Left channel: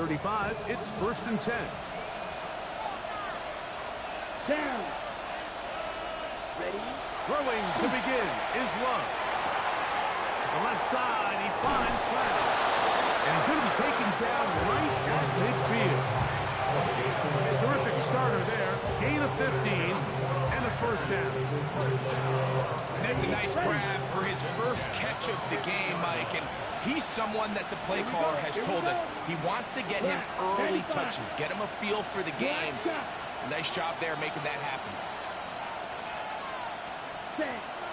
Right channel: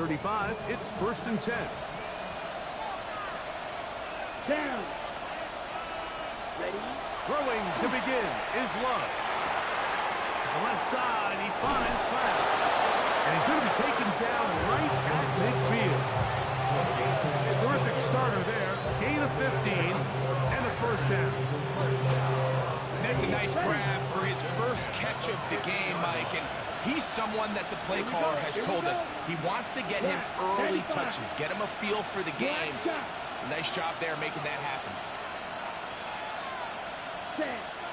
35, it's 1st and 10. Down. Ready? Throwing to begin is Love. To the left side, he finds Cloud. And he's going to be taken down right at midfield. Terrific starter there. Gain of 15 and a 1st down. And that's a nice grab for his first catch of the game, Mike. And he's someone that the play caller has told us he wants to get him early touches, get him a feel for the game. Nice job there making that happen.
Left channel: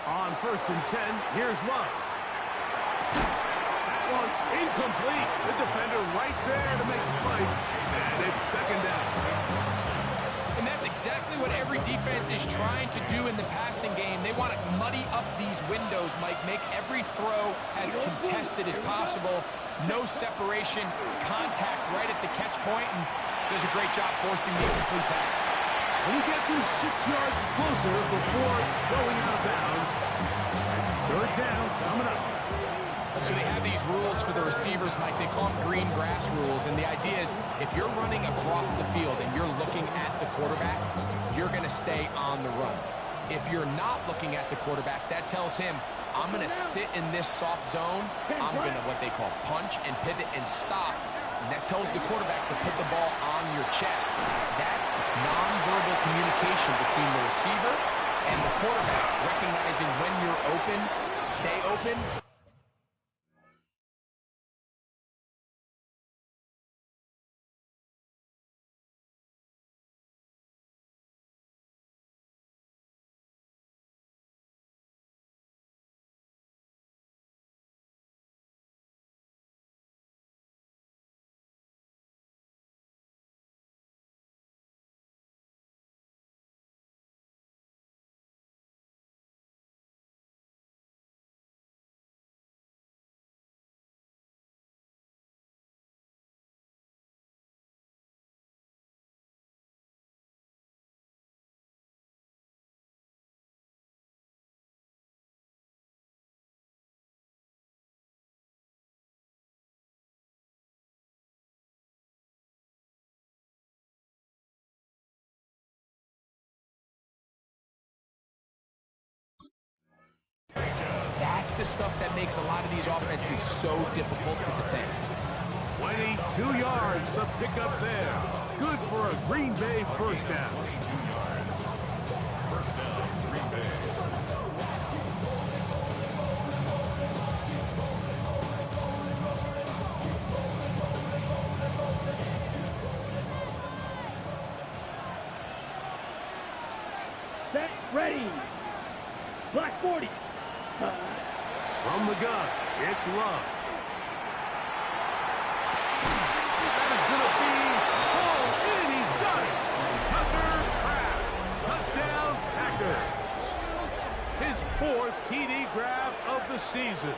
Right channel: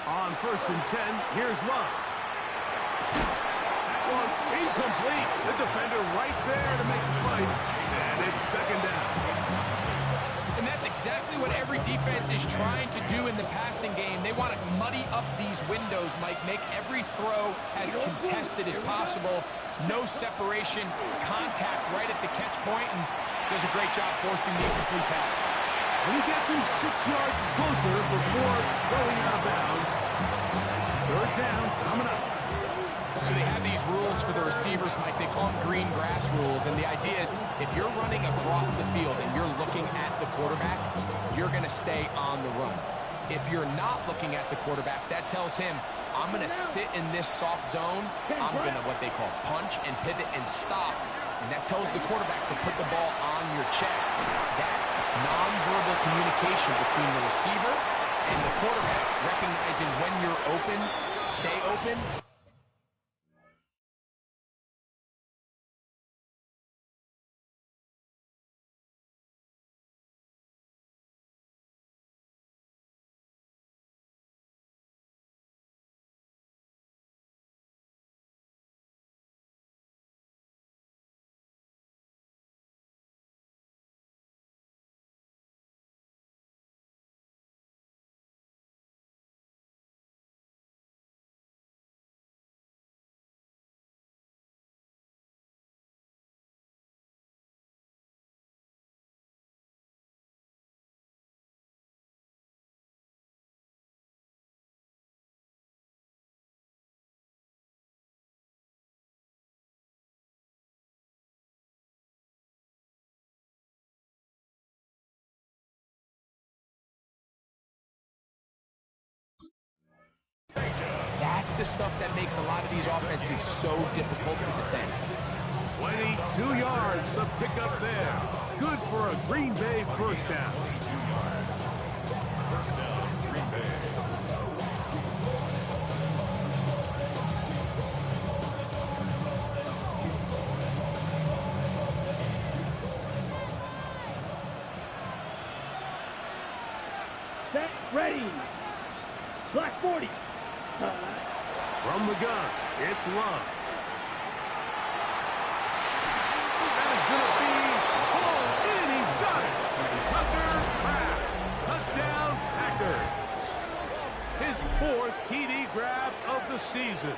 On 1st and 10, here's Love. That one incomplete. The defender right there to make the play. And it's 2nd down. And that's exactly what every defense is trying to do in the passing game. They want to muddy up these windows, Mike, make every throw as contested as possible. No separation, contact right at the catch point, and does a great job forcing the incomplete pass. And he gets him 6 yards closer before going out of bounds. It's 3rd down, coming up. So they have these rules for the receivers, Mike. They call them green grass rules. And the idea is if you're running across the field and you're looking at the quarterback, you're going to stay on the run. If you're not looking at the quarterback, that tells him, I'm going to sit in this soft zone. I'm going to what they call punch and pivot and stop. And that tells the quarterback to put the ball on your chest. That nonverbal communication between the receiver and the quarterback, recognizing when you're open, stay open. That's the stuff that makes a lot of these offenses so difficult to defend. 22 yards, the pickup there. Good for a Green Bay 1st down. 22 yards. 1st down, Green Bay. Set, ready. Black 40. From the gun, it's Love. That is going to be hauled in. He's got it. Tucker Kraft. Touchdown, Packers. His 4th TD grab of the season.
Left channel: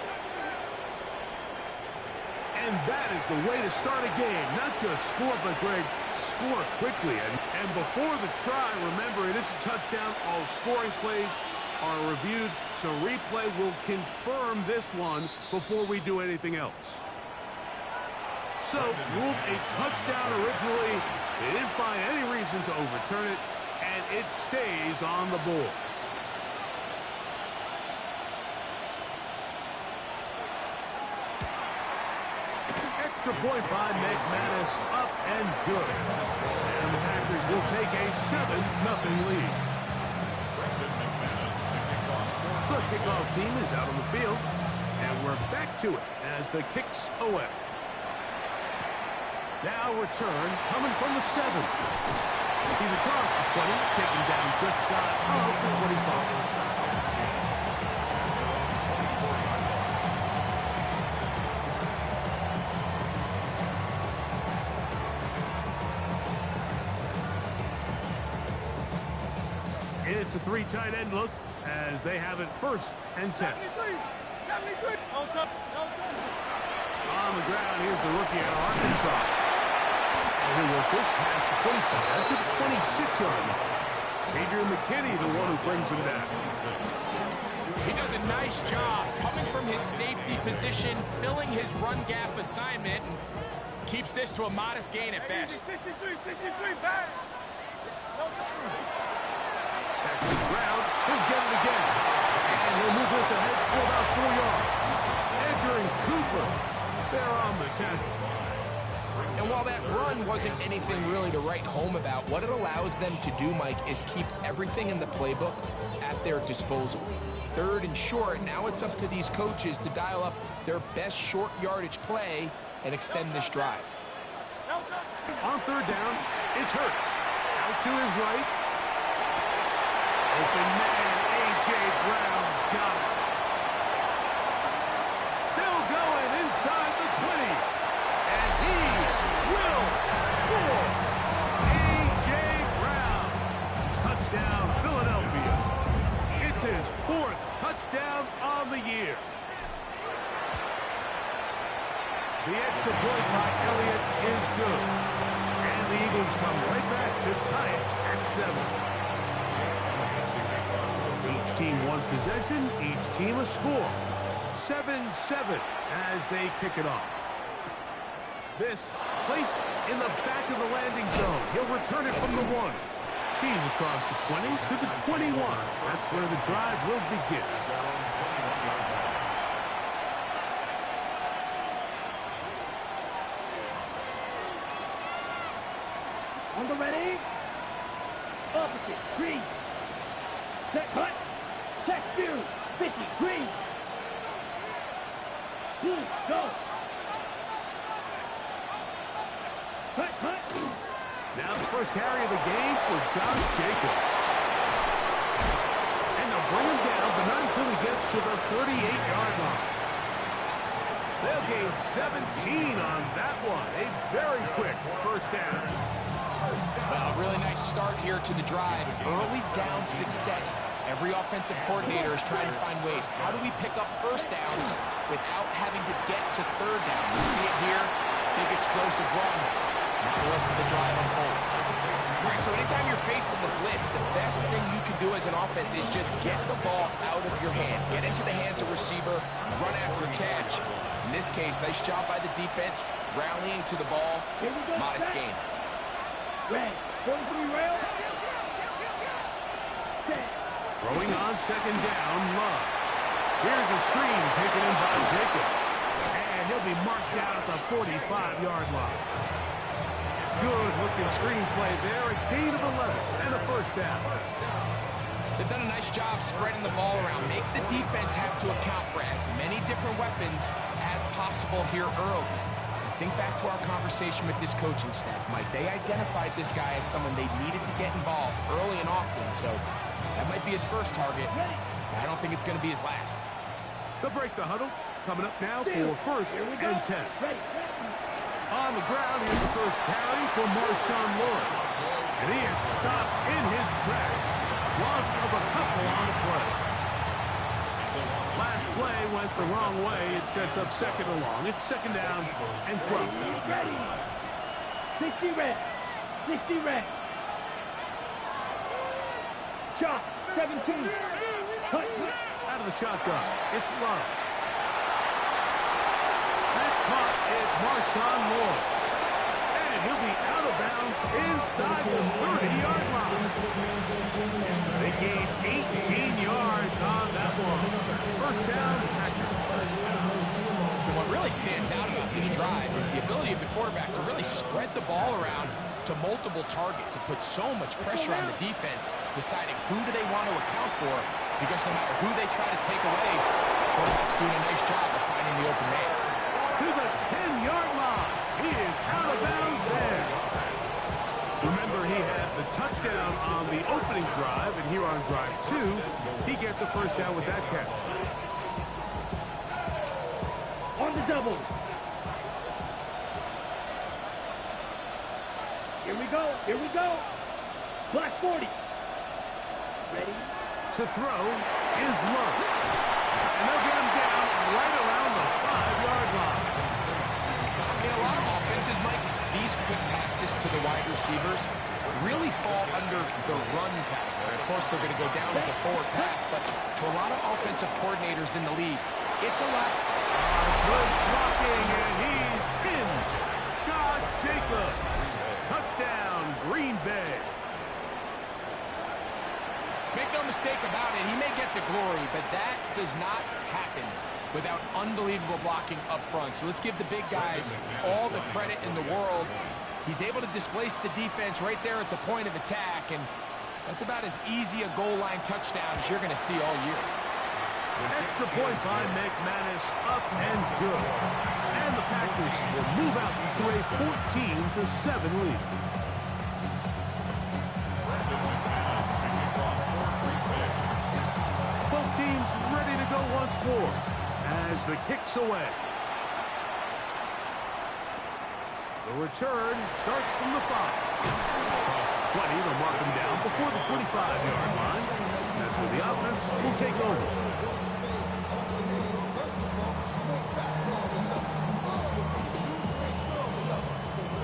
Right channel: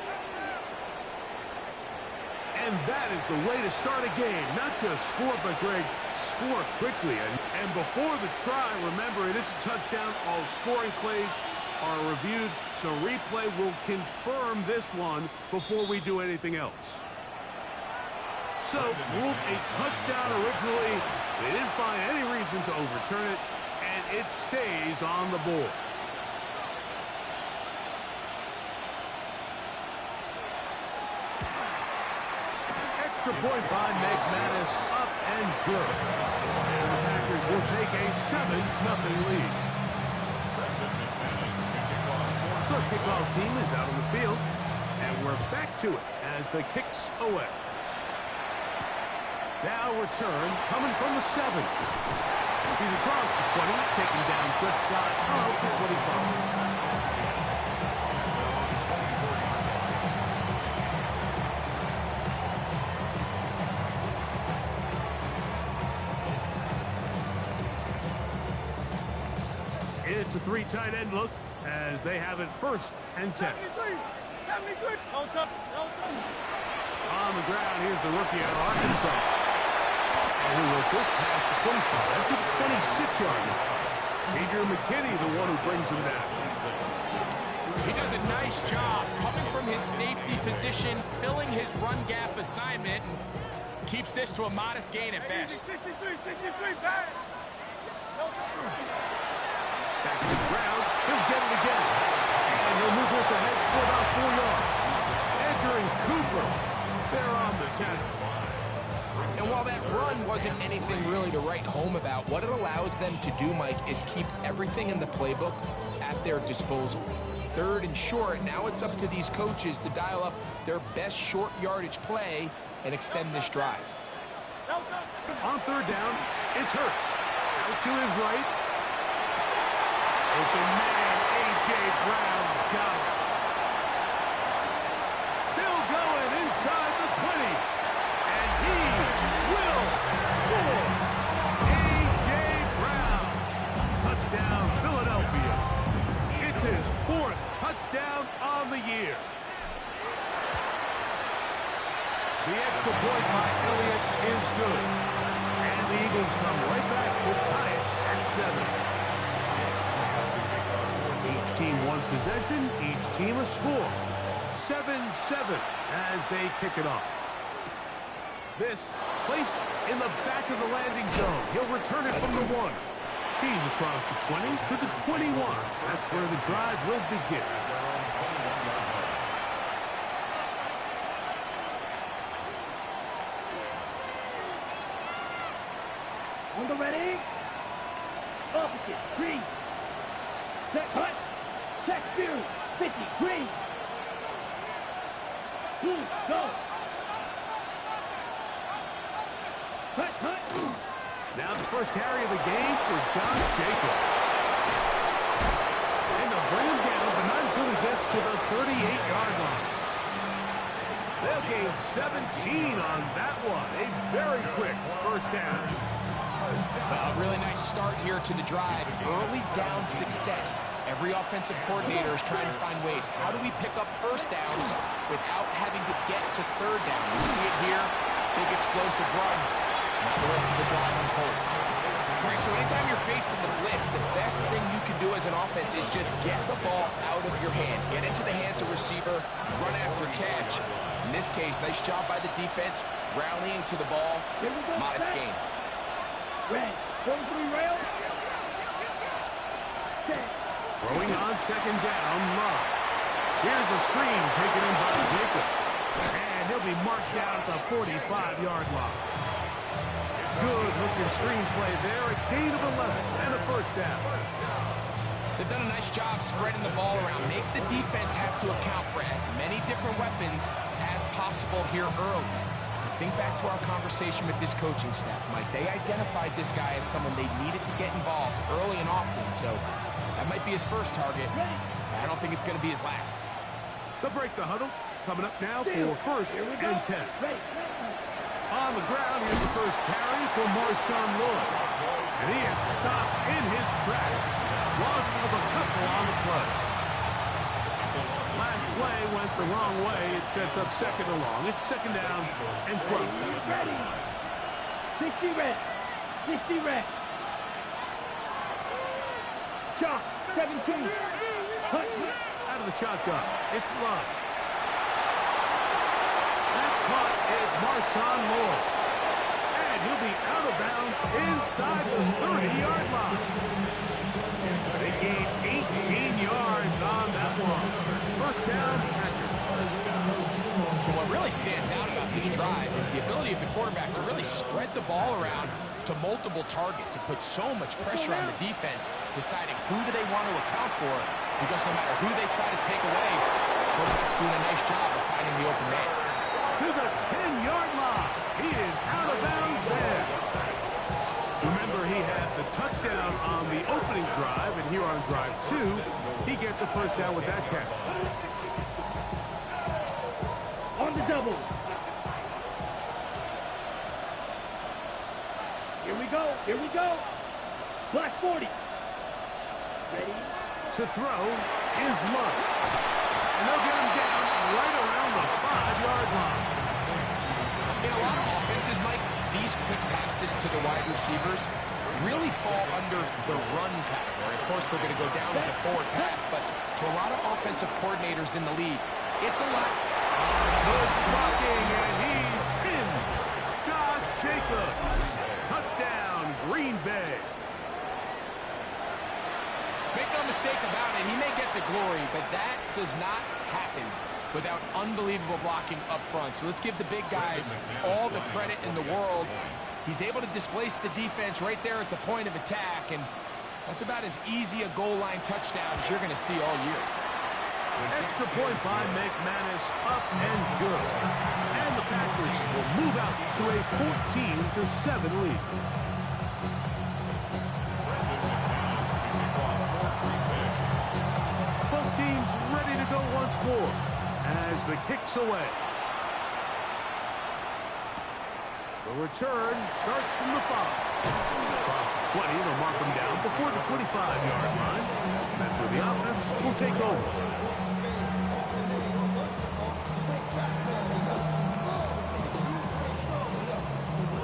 And that is the way to start a game. Not just score, but, Greg, score quickly. And before the try, remember, it is a touchdown. All scoring plays are reviewed, so replay will confirm this one before we do anything else. So, ruled a touchdown originally. They didn't find any reason to overturn it, and it stays on the board. Extra point by McManus, up and good. And the Packers will take a 7-0 lead. The kickoff team is out on the field, and we're back to it as the kick's away. Now return coming from the 7. He's across the 20, taken down just shy of the 25. It's a 3 tight end look as they have it 1st and 10. On the ground, here's the rookie out of Arkansas. And he will just past the 25 to the 26-yard line. Xavier McKinney, the one who brings him down. He does a nice job coming from his safety position, filling his run gap assignment. And Keeps this to a modest gain at best. 63, 63, back. Back to the ground. He'll get it again. And he'll move this ahead for about 4 yards. Edger and Cooper, they're on the 10. And while that run wasn't anything really to write home about, what it allows them to do, Mike, is keep everything in the playbook at their disposal. 3rd and short, now it's up to these coaches to dial up their best short yardage play and extend this drive. On 3rd down, it's Hurts. Out to his right. Open man, A.J. Brown's got him. Still going inside the 20. And he will score. A.J. Brown. Touchdown, Philadelphia. It's his 4th touchdown on the year. The extra point by Elliott is good. And the Eagles come right back to tie it at 7. Each team one possession, each team a score. 7-7 as they kick it off. This placed in the back of the landing zone. He'll return it from the 1. He's across the 20 to the 21. That's where the drive will begin. On the ready. Opposite. Green. Set cut. Check view. 50. Green. Blue. Go. Cut. Cut. Now the first carry of the game for Josh Jacobs. And they'll bring him down, but not until he gets to the 38-yard line. They'll gain 17 on that one. A very quick first down. Well, a really nice start here to the drive. Early down success. Every offensive coordinator is trying to find ways. How do we pick up first downs without having to get to 3rd down? We see it here. Big explosive run. Now the rest of the drive unfolds. All right, so anytime you're facing the blitz, the best thing you can do as an offense is just get the ball out of your hand. Get into the hands of receiver, run after catch. In this case, nice job by the defense, rallying to the ball. Modest gain. Red. 43 rail. Set. Throwing on 2nd down, Love. Here's a screen taken in by Jacobs. And he'll be marked down at the 45-yard line. Good-looking screen play there. A gain of 11 and a first down. They've done a nice job spreading the ball around. Make the defense have to account for as many different weapons as possible here early. Think back to our conversation with this coaching staff, Mike. They identified this guy as someone they needed to get involved early and often, so that might be his first target. I don't think it's going to be his last. They'll break the huddle. Coming up now for 1st and 10. On the ground, here's the first carry for Marshawn Lloyd. And he is stopped in his tracks. Loss of a couple on the play. Last play went the wrong way. It sets up 2nd and long. It's 2nd down and 12. Ready. 60 red. 60 red. Shot. 17. Cut. Out of the shotgun. It's Love. That's caught. It's Marshawn Lloyd. And he'll be out of bounds inside the 30-yard line. They gained 18 yards on that one. First down, Packers. What really stands out about this drive is the ability of the quarterback to really spread the ball around to multiple targets. It puts so much pressure on the defense, deciding who do they want to account for, because no matter who they try to take away, the quarterback's doing a nice job of finding the open man. To the 10-yard line. He is out of bounds there. Remember, he had the touchdown on the opening drive, and here on drive 2, he gets a first down with that catch. On the double. Here we go. Here we go. Black 40. Ready. To throw is Love. And they'll get him down right around the 5-yard line. In a lot of offenses, Mike, these quick passes to the wide receivers really fall under the run category. Of course, they're going to go down as a forward pass, but to a lot of offensive coordinators in the league, it's a lot. Good blocking, and he's in. mistake about it. He may get the glory, but that does not happen without unbelievable blocking up front. So let's give the big guys all the credit in the world. He's able to displace the defense right there at the point of attack, and that's about as easy a goal line touchdown as you're going to see all year. Extra point by McManus, up and good. And the Packers will move out to a 14-7 lead. Both teams ready to go once more as the kick's away. The return starts from the 5. Across the 20, they'll mark him down before the 25-yard line. That's where the offense will take over.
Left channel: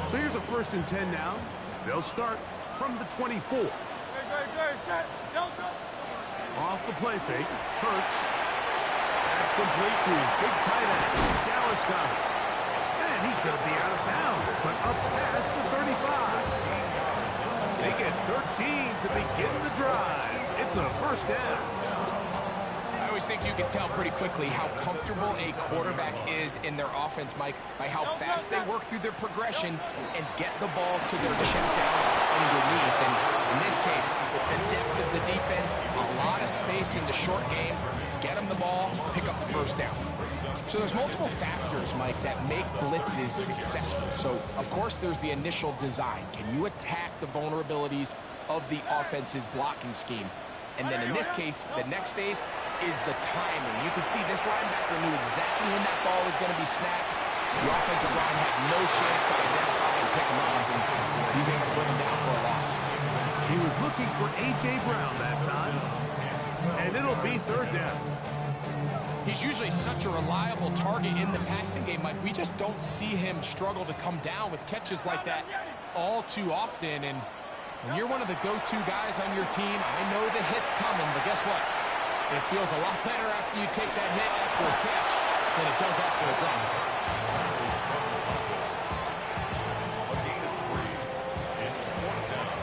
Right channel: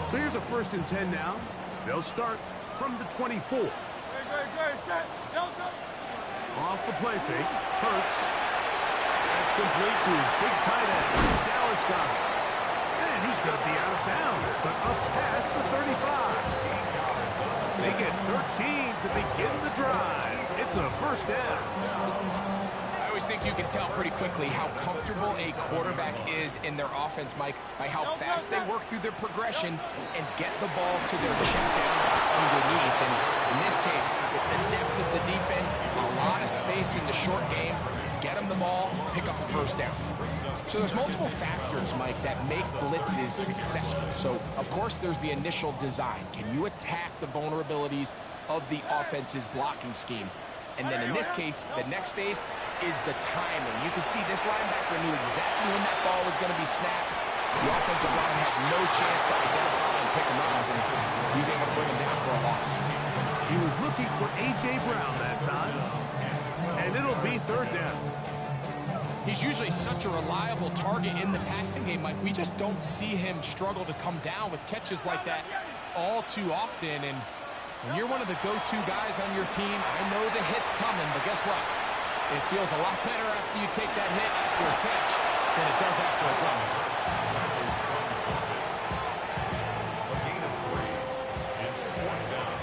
So here's a 1st and 10 now. They'll start from the 24. Off the play fake. Hurts. That's complete to his big tight end. Dallas got it. And he's going to be out of bounds, but up past the 35. They get 13 to begin the drive. It's a 1st down. I always think you can tell pretty quickly how comfortable a quarterback is in their offense, Mike, by how fast they work through their progression and get the ball to their check down underneath. And in this case, with the depth of the defense, a lot of space in the short game, get them the ball, pick up the 1st down. So there's multiple factors, Mike, that make blitzes successful. So, of course, there's the initial design. Can you attack the vulnerabilities of the offense's blocking scheme? And then in this case, the next phase is the timing. You can see this linebacker knew exactly when that ball was going to be snapped. The offensive line had no chance to identify and pick him up, and he's able to bring him down for a loss. He was looking for A.J. Brown that time, and it'll be 3rd down. He's usually such a reliable target in the passing game, Mike. We just don't see him struggle to come down with catches like that all too often. And when you're one of the go-to guys on your team, I know the hit's coming, but guess what? It feels a lot better after you take that hit after a catch than it does after a drop. A gain of 3. It's 4th down.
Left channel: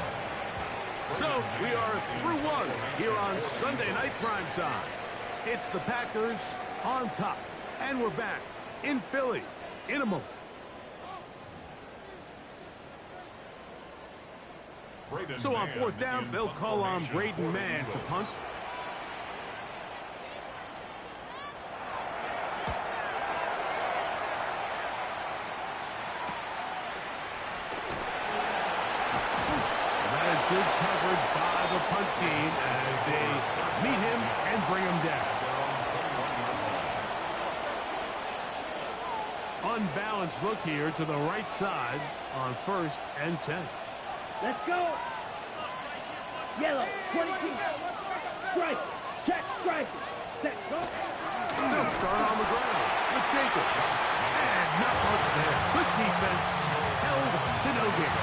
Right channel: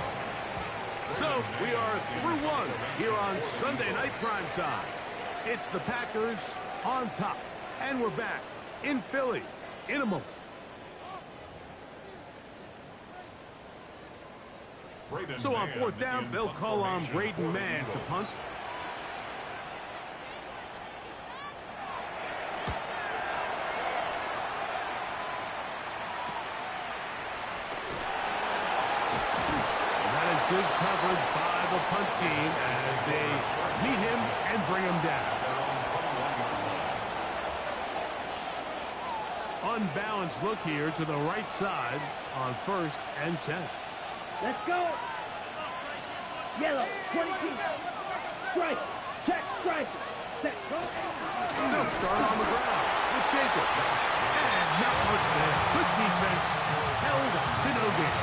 So we are through one here on Sunday Night Primetime. It's the Packers on top, and we're back in Philly in a moment. So on 4th down, they'll call on Braden Mann to punt. And that is good coverage by the punt team as they meet him and bring him down. Unbalanced look here to the right side on 1st and 10. Let's go. Yellow, 22. Strike. Check, strike. Set, go. They'll start on the ground with Jacobs. And not much there. Good defense. Held to no gain.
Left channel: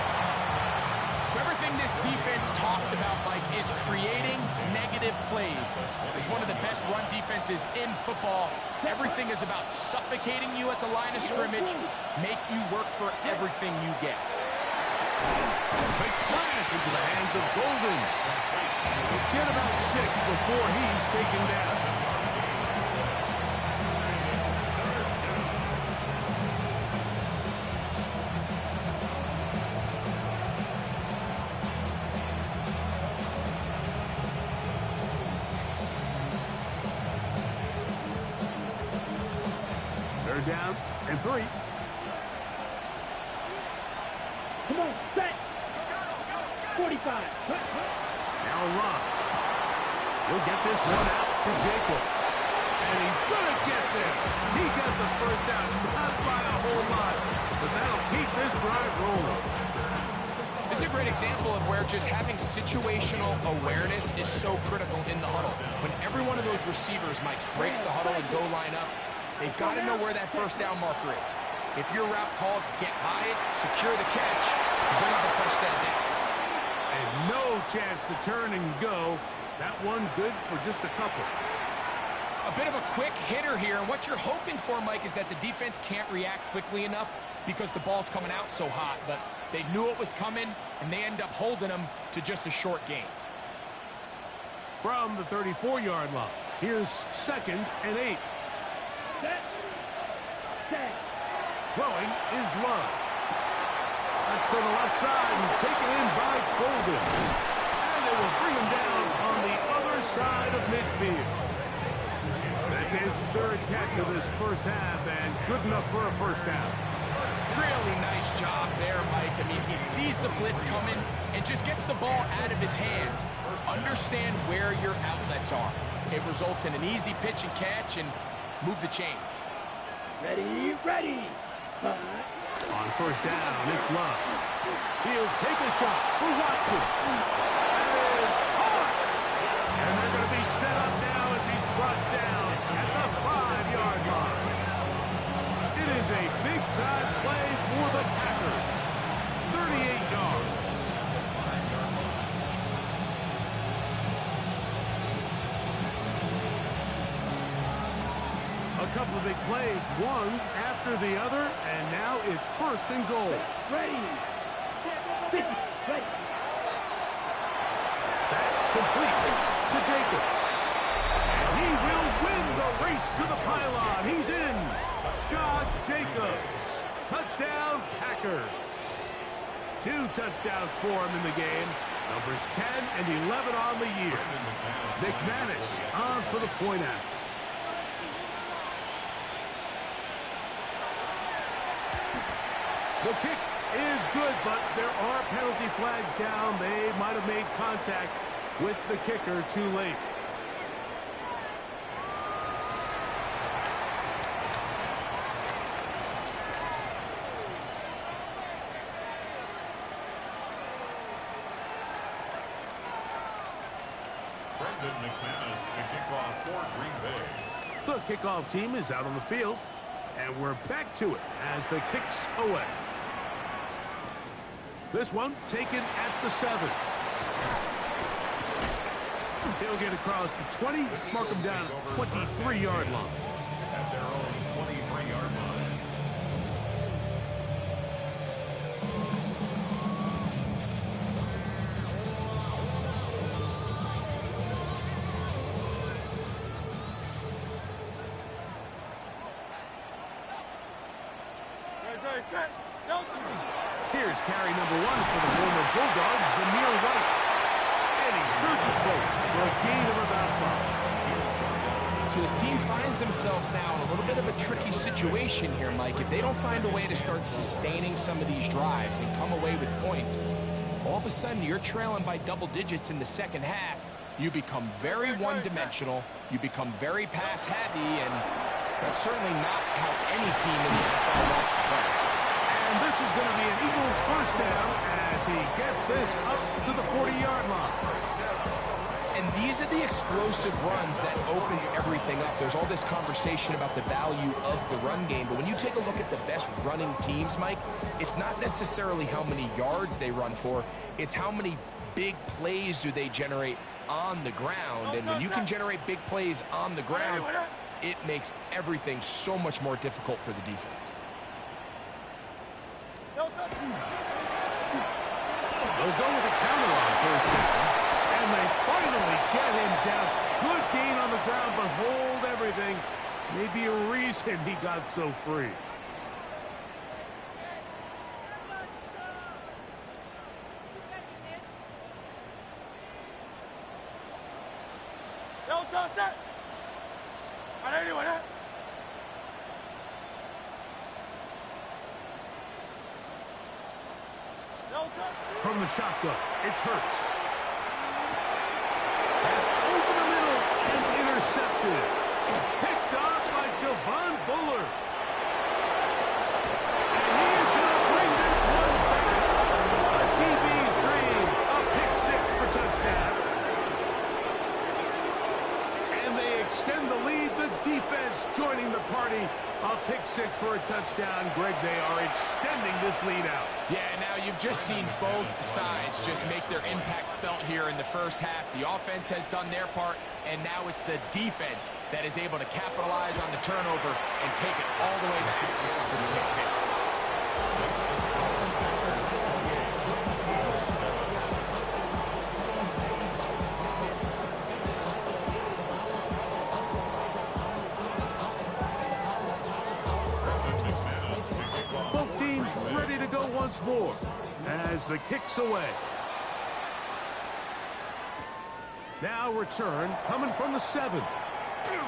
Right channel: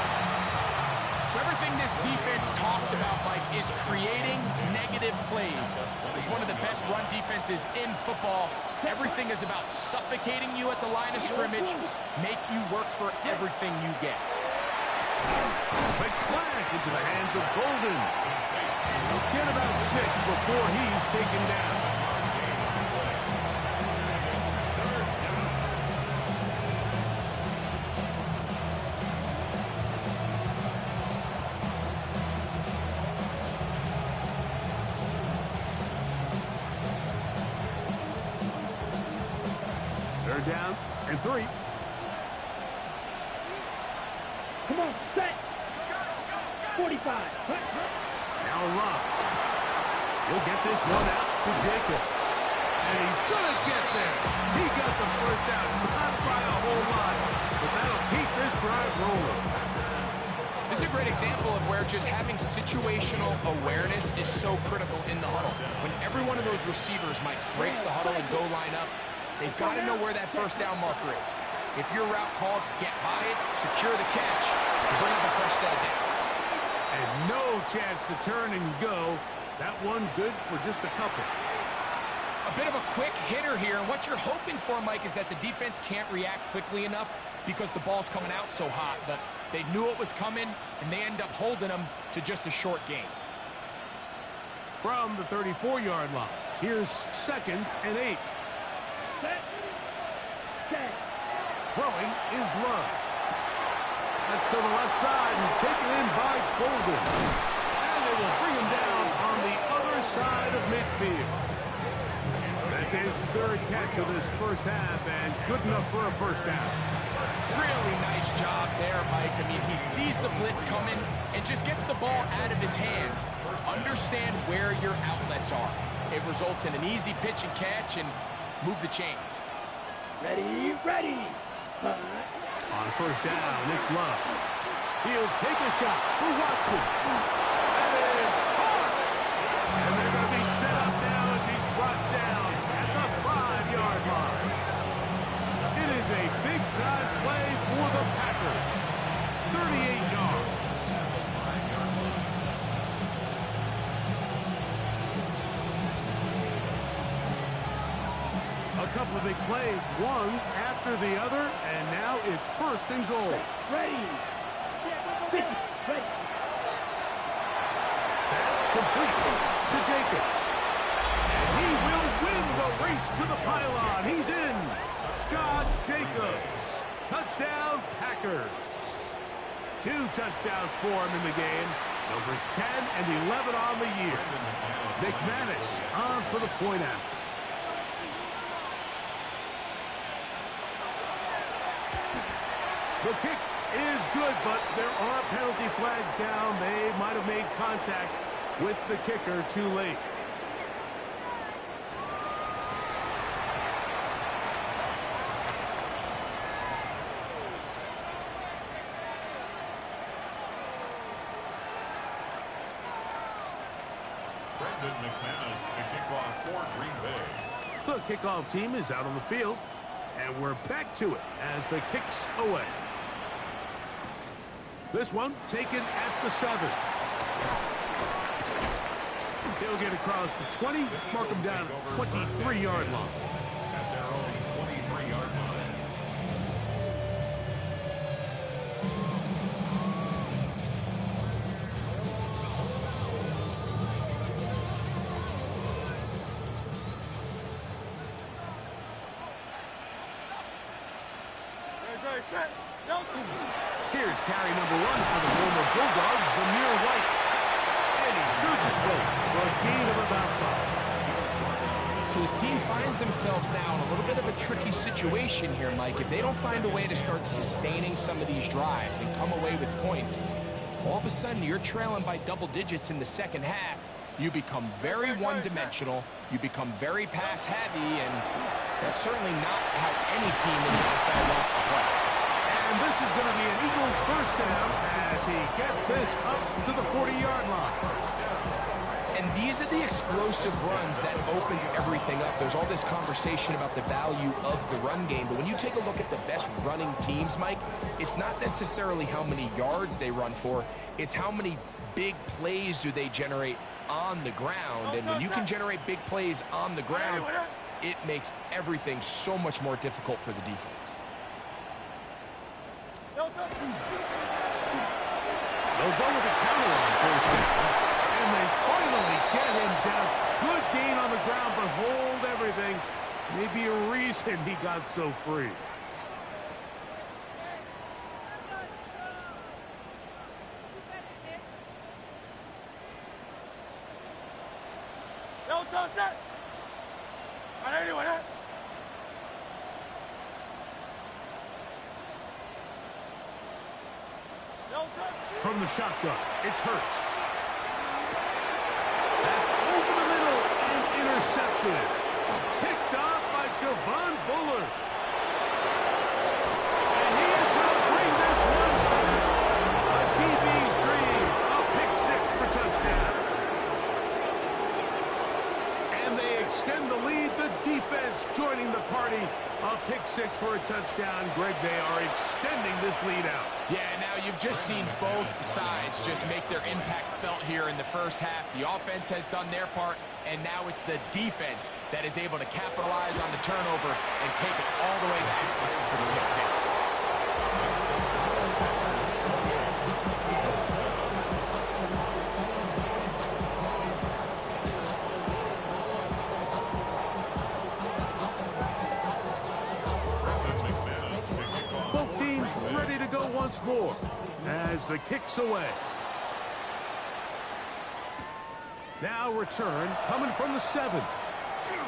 So everything this defense talks about, Mike, is creating negative plays. It's one of the best run defenses in football. Everything is about suffocating you at the line of scrimmage, make you work for everything you get. Big slant into the hands of Golden. He'll get about 6 before he's taken down. They're down and 3. Come on, set. 45. Now Love. He'll get this one out to Jacobs. And he's going to get there. He got the 1st down. Not by a whole lot, but that'll keep this drive rolling. This is a great example of where just having situational awareness is so critical in the huddle. When every one of those receivers, Mike, breaks the huddle and go line up, they've got to know where that 1st down marker is. If your route calls, get by it, secure the catch, and bring up a fresh set of downs. And no chance to turn and go. That one good for just a couple. A bit of a quick hitter here, and what you're hoping for, Mike, is that the defense can't react quickly enough because the ball's coming out so hot, but they knew it was coming, and they end up holding them to just a short gain. from the 34-yard line. Here's 2nd and 8. Set. Set. Throwing is Love. That's to the left side and taken in by Golden. And they will bring him down on the other side of midfield. That's his 3rd catch of this first half and good enough for a first down. Really nice job there, Mike. I mean, he sees the blitz coming and just gets the ball out of his hands. Understand where your outlets are. It results in an easy pitch and catch and move the chains. Ready, ready. On first down, it's Love. He'll take a shot for Watson. That is caught. And they're going to be set up now as he's brought down at the 5-yard line. It is a big-time play for the Packers. 38 yards. A couple of big plays, one after the other, and now it's 1st and goal. Ready. 50. Ready. That complete to Jacobs. And he will win the race to the pylon. He's in. Josh Jacobs. Touchdown, Packers. 2 touchdowns for him in the game. Numbers 10 and 11 on the year. McManus on for the point after. The kick is good, but there are penalty flags down. They might have made contact with the kicker too late. Brendan McManus to kick off for Green Bay. The kickoff team is out on the field, and we're back to it as the kick's away. This one taken at the 7. He'll get across the 20, mark him down at the 23-yard line. At their own 23-yard line. Here's carry number 1 for the former Bulldog, Zamir White. And he surges forward for a gain of about 5. So his team finds themselves now in a little bit of a tricky situation here, Mike. If they don't find a way to start sustaining some of these drives and come away with points, all of a sudden you're trailing by double digits in the second half. You become very one-dimensional. You become very pass-heavy, and that's certainly not how any team in the NFL wants to play. And this is going to be an Eagles first down as he gets this up to the 40-yard line. And these are the explosive runs that open everything up. There's all this conversation about the value of the run game, but when you take a look at the best running teams, Mike, it's not necessarily how many yards they run for, it's how many big plays do they generate on the ground. And when you can generate big plays on the ground, it makes everything so much more difficult for the defense. They'll go with a counter on first down, and they finally get him down. Good gain on the ground, but hold everything. Maybe a reason he got so free. From the shotgun, it's Hurts. That's over the middle and intercepted. Picked off by Javon Bullard. And he is going to bring this one back. A DB's dream. A pick 6 for touchdown. And they extend the lead. The defense joining the party. A pick 6 for a touchdown. Greg, they are extending this lead out. Yeah, now you've just seen both sides just make their impact felt here in the first half. The offense has done their part, and now it's the defense that is able to capitalize on the turnover and take it all the way back for the pick 6. once more as the kick's away. Now return coming from the 7. And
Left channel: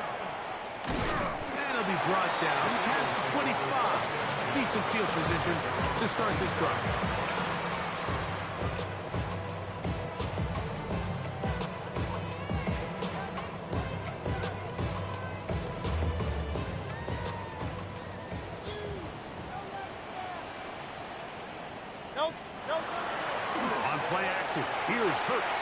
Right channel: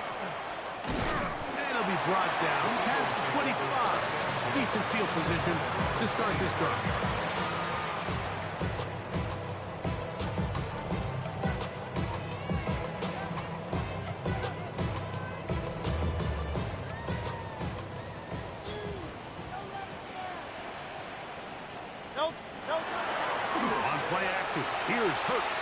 he'll be brought down past the 25. Decent field position to start this drive. On play action, here's Hurts.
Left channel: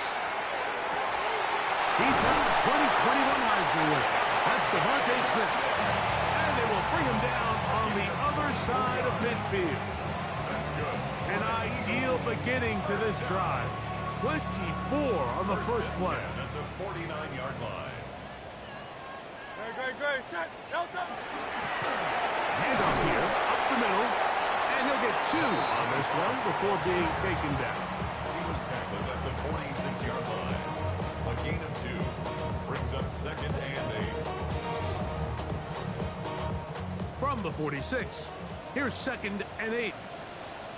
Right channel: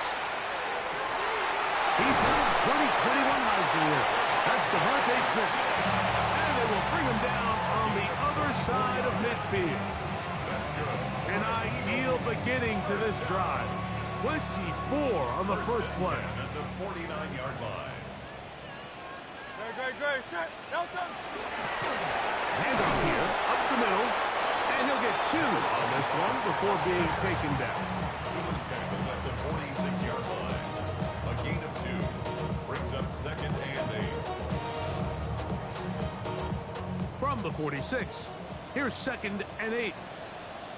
He's now the 2021 Heisman winner. That's Devontae Smith. And they will bring him down on the other side of midfield. That's good. An ideal beginning to this drive. 24 on the first play. At the 49-yard line. Great. Set. Delta. Handoff here, up the middle. And he'll get 2 on this one before being taken down. He was tackled at the 46-yard line. A gain of 2 brings up 2nd and 8. From the 46, here's 2nd and 8.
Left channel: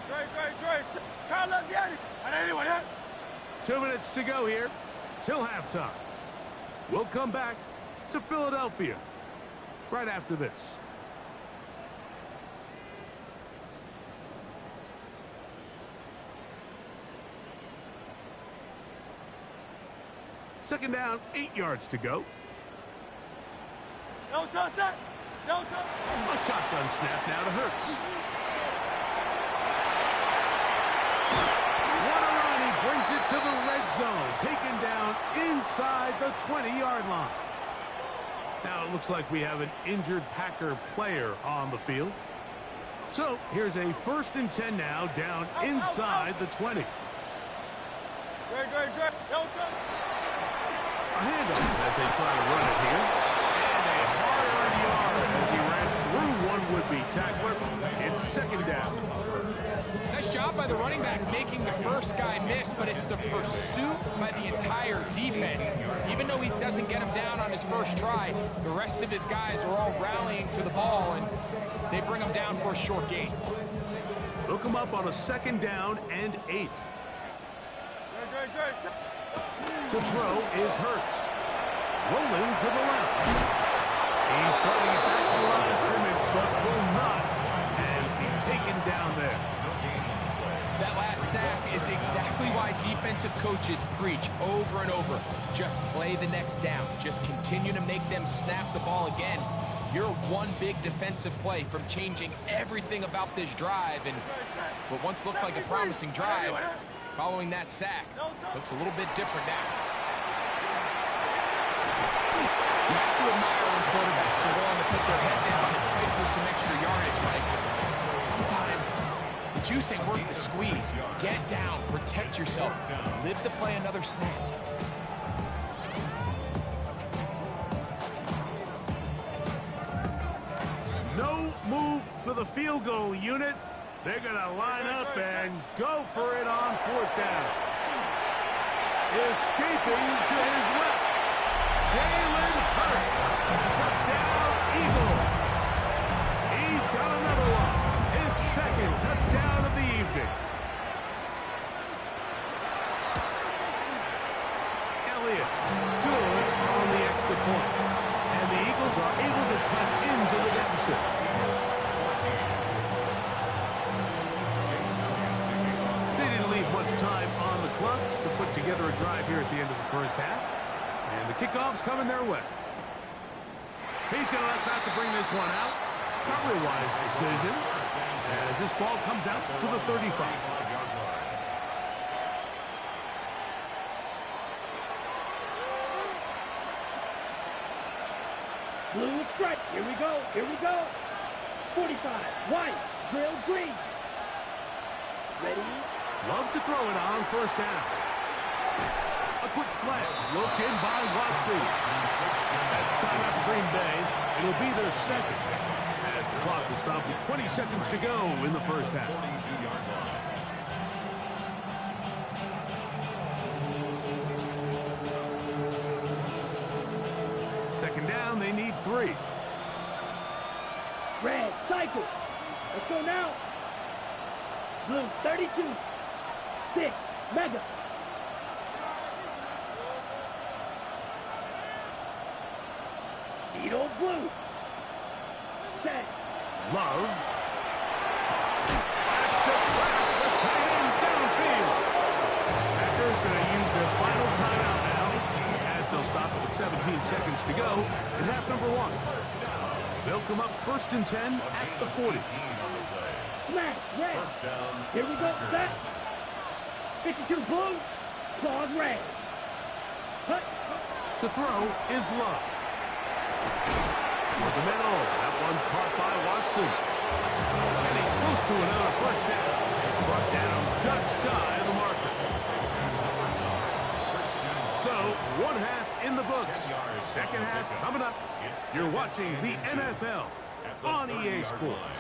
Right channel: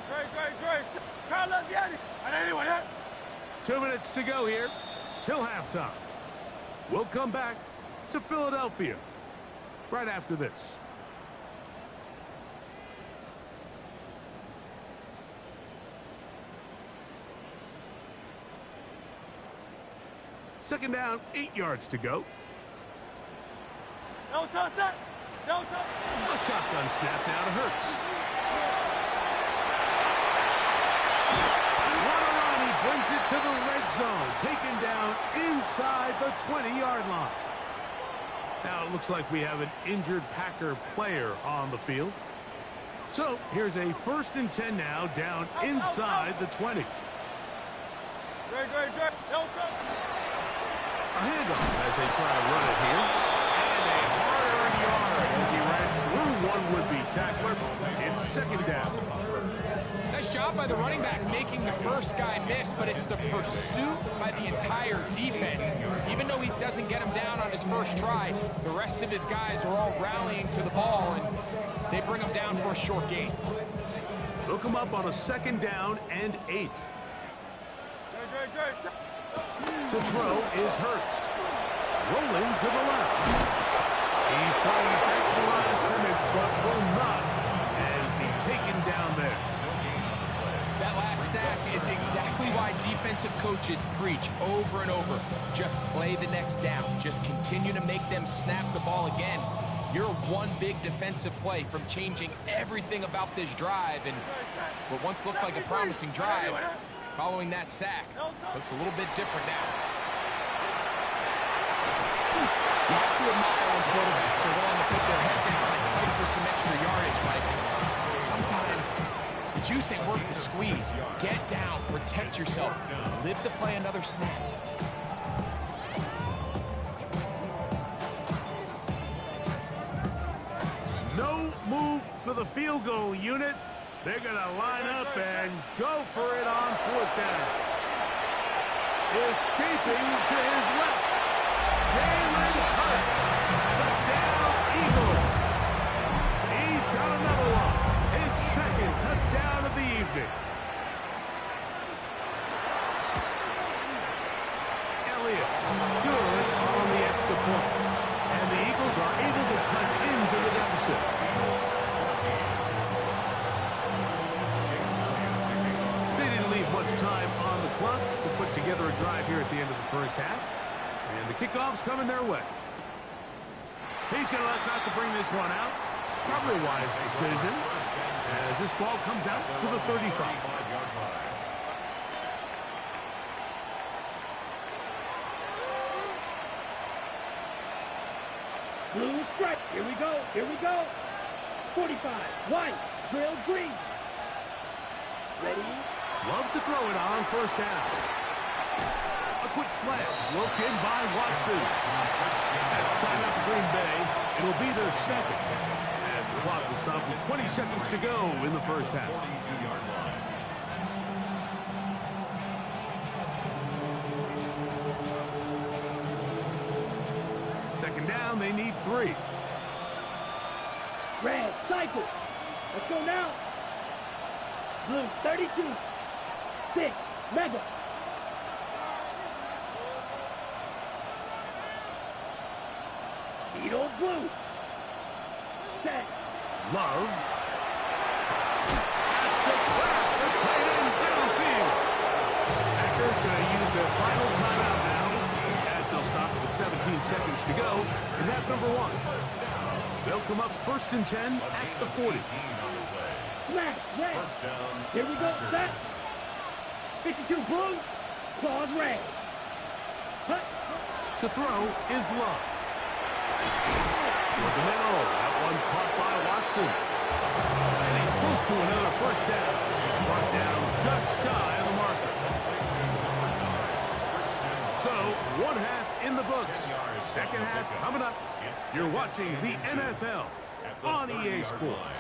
Great. Carlos, get it. And anyone hit? 2 minutes to go here till halftime. We'll come back to Philadelphia right after this. Second down, 8 yards to go. Delta, set. Delta. A shotgun snap now to Hurts. What a run. He brings it to the red zone. Taken down inside the 20-yard line. Now it looks like we have an injured Packer player on the field. So here's a 1st and 10 now down inside the 20. Great. Delta. A handoff as they try to run it here. And a hard-earned yard as he ran through one would-be tackler. It's 2nd down. Nice job by the running back making the first guy miss, but it's the pursuit by the entire defense. Even though he doesn't get him down on his first try, the rest of his guys are all rallying to the ball, and they bring him down for a short gain. They'll come up on a 2nd down and 8. Great. To throw is Hurts. Rolling to the left. He's trying to get back to the line of scrimmage, but will not as he's taken down there. No gain on the play. That last sack is exactly why defensive coaches preach over and over. Just play the next down. Just continue to make them snap the ball again. You're one big defensive play from changing everything about this drive, and what once looked like a promising drive, following that sack, looks a little bit different now. You have to admire when quarterbacks are willing to put their head down and fight for some extra yardage, Mike. Sometimes the juice ain't worth the squeeze. Get down, protect yourself, live to play another snap. No move for the field goal unit. They're going to line up and go for it on 4th down. Escaping to his left. Jalen Hurts. Touchdown, Eagles. He's got another one. His 2nd touchdown of the evening. Elliott, good on the extra point. And the Eagles are able to cut into the deficit. They didn't leave much time on the clock to put together a drive here at the end of the first half. And the kickoff's coming their way. He's going to elect not to bring this one out. Probably a wise decision as this ball comes out to the 35. Blue strike. Here we go. 45. White. Grilled green. Ready. Love to throw it on 1st down. A quick slant. Looked in by Watson. That's timeout for Green Bay. It'll be their 2nd. As the clock will stop with 20 seconds to go in the first half. 42-yard line. Second down, they need 3. Red. Cycle. Let's go now. Blue 32. 6. Mega. Needle blue. Set. Love. That's to Kraft, the tight end downfield. Packers going to use their final timeout now, as they'll stop it with 17 seconds to go in half number 1. They'll come up 1st and 10 at the 40. Smash, red. Here we go, set. 52 blue, claws red. Hut. To throw is Love. For the middle, that one caught by Watson. And he's close to another first down. He's brought down just shy of the marker. So, 1 half in the books. Second half coming up. You're watching the NFL on EA Sports.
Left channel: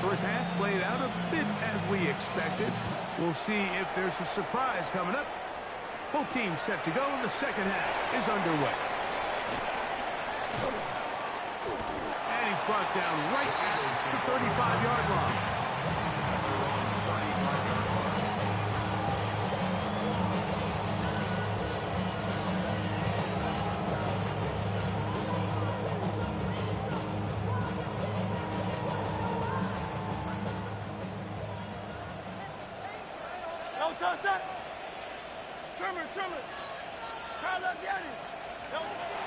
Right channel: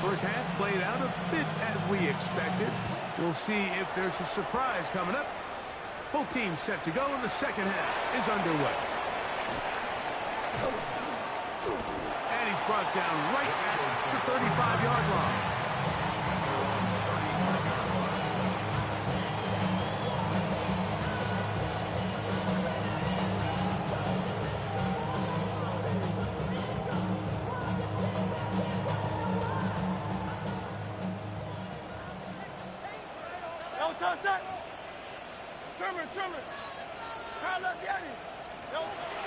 First half played out a bit as we expected. We'll see if there's a surprise coming up. Both teams set to go, and the second half is underway. And he's brought down right at the 35-yard line.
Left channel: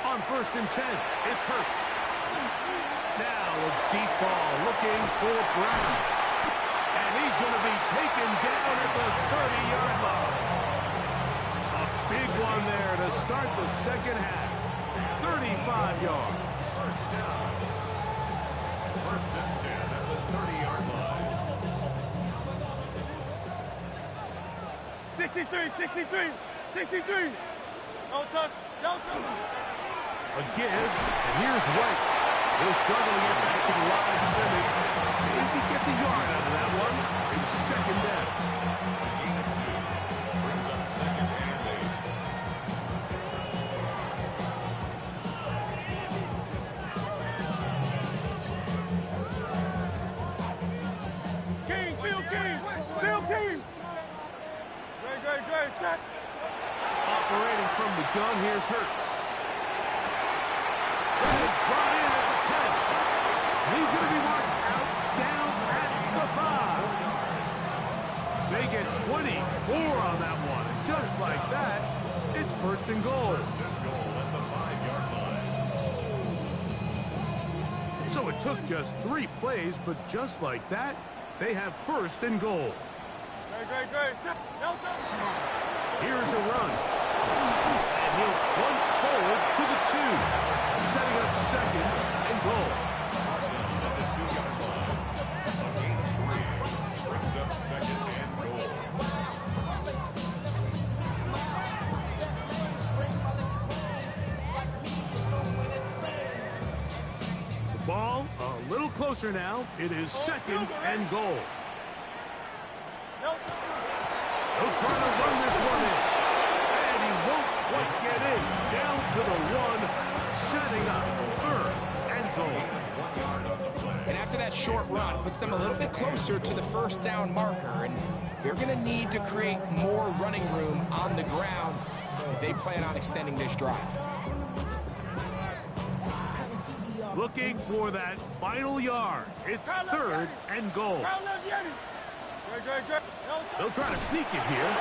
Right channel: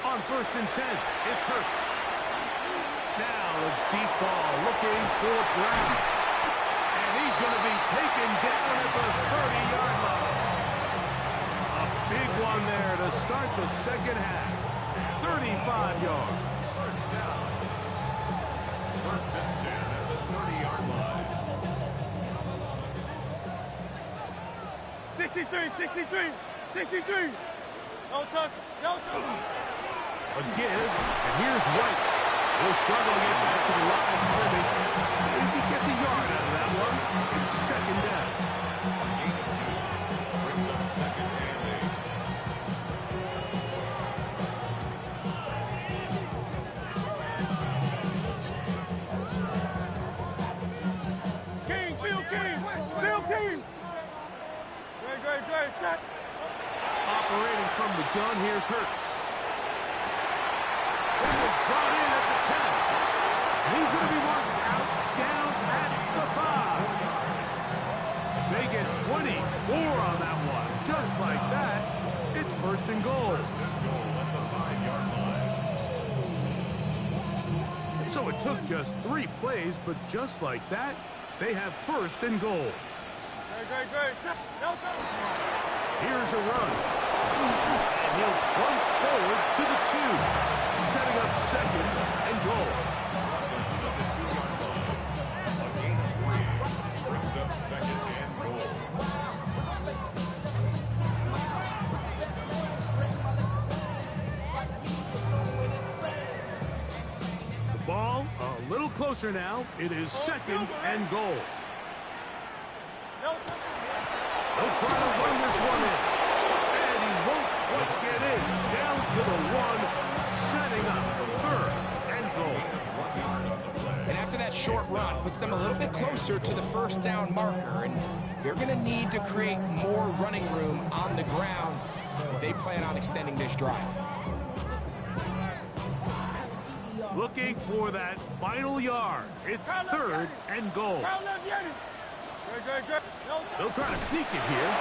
On 1st and 10, it's Hurts. Now a deep ball looking for Brown. And he's going to be taken down at the 30-yard line. A big one there to start the second half. 35 yards. First down. 1st and 10 at the 30-yard line. 63. No touch. A give, and here's White. He'll struggle to get back to the line of scrimmage. If he gets a yard out of that one, it's second down. A gain of 2 brings up 2nd and 8. Field team. Great. Set. Operating from the gun, here's Hurts. That is brought in at the 10. And he's going to be marked out down at the 5. They get 24 on that one. Just like that, it's 1st and goal. 1st and goal at the 5-yard line. So it took just 3 plays, but just like that, they have 1st and goal. Great. Set. Here's a run. And he'll plunge forward to the 2. Setting up 2nd and goal. Brought down at the 2-yard line. A gain of 3 brings up 2nd and goal. The ball a little closer now. It is 2nd and goal. They'll try to run this one in. And he won't quite get in. Down to the 1, setting up 3rd and goal. And after that short run, puts them a little bit closer to the first down marker. And they're going to need to create more running room on the ground if they plan on extending this drive. Looking for that final yard. It's 3rd and goal. Great. They'll try to sneak it here.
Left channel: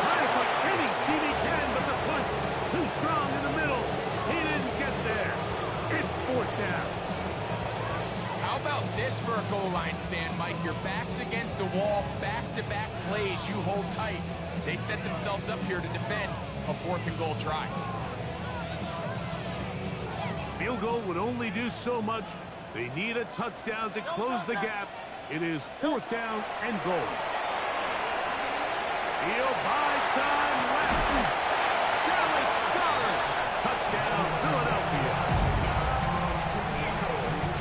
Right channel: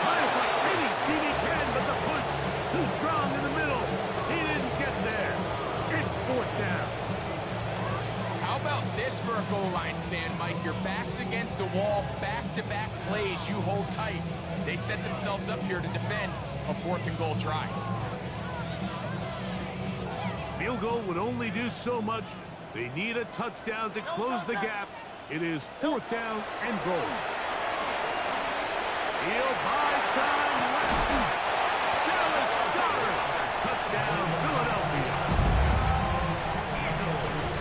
Trying to find any seam he can, but the push too strong in the middle. He didn't get there. It's 4th down. How about this for a goal line stand, Mike? Your back's against the wall, back-to-back plays, you hold tight. They set themselves up here to defend a 4th and goal try. Field goal would only do so much. They need a touchdown to close the gap. It is 4th down and goal. He'll buy time left. Dallas Goddard. Touchdown, Philadelphia.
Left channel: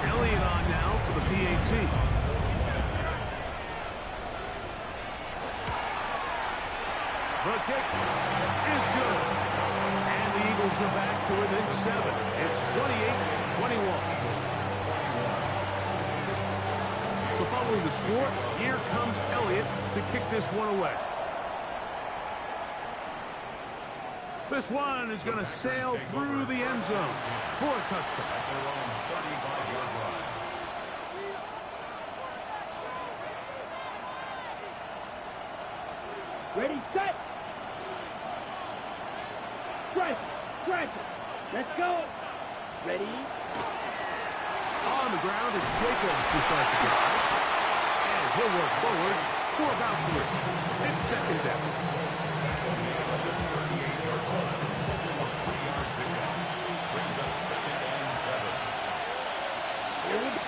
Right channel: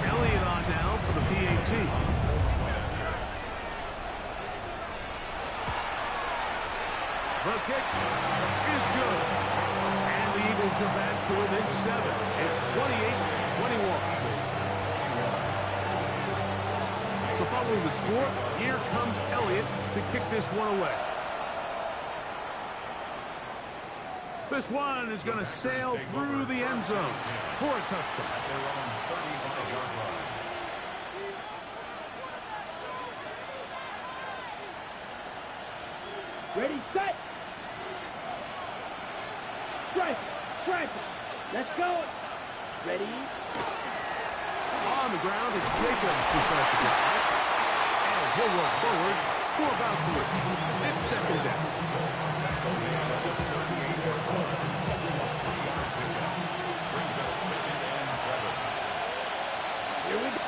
Elliott on now for the PAT. The kick is good. And the Eagles them back to within 7. It's 28-21. So following the score, here comes Elliott to kick this one away. This one is going to sail through the end zone for a touchdown. At their own 35-yard line. Ready, set. Strike, strike. Let's go. Ready. On the ground, it's Jacobs to start the drive. And he'll work forward for about 3. It's second down. Brings up 2nd and 7. Here we go.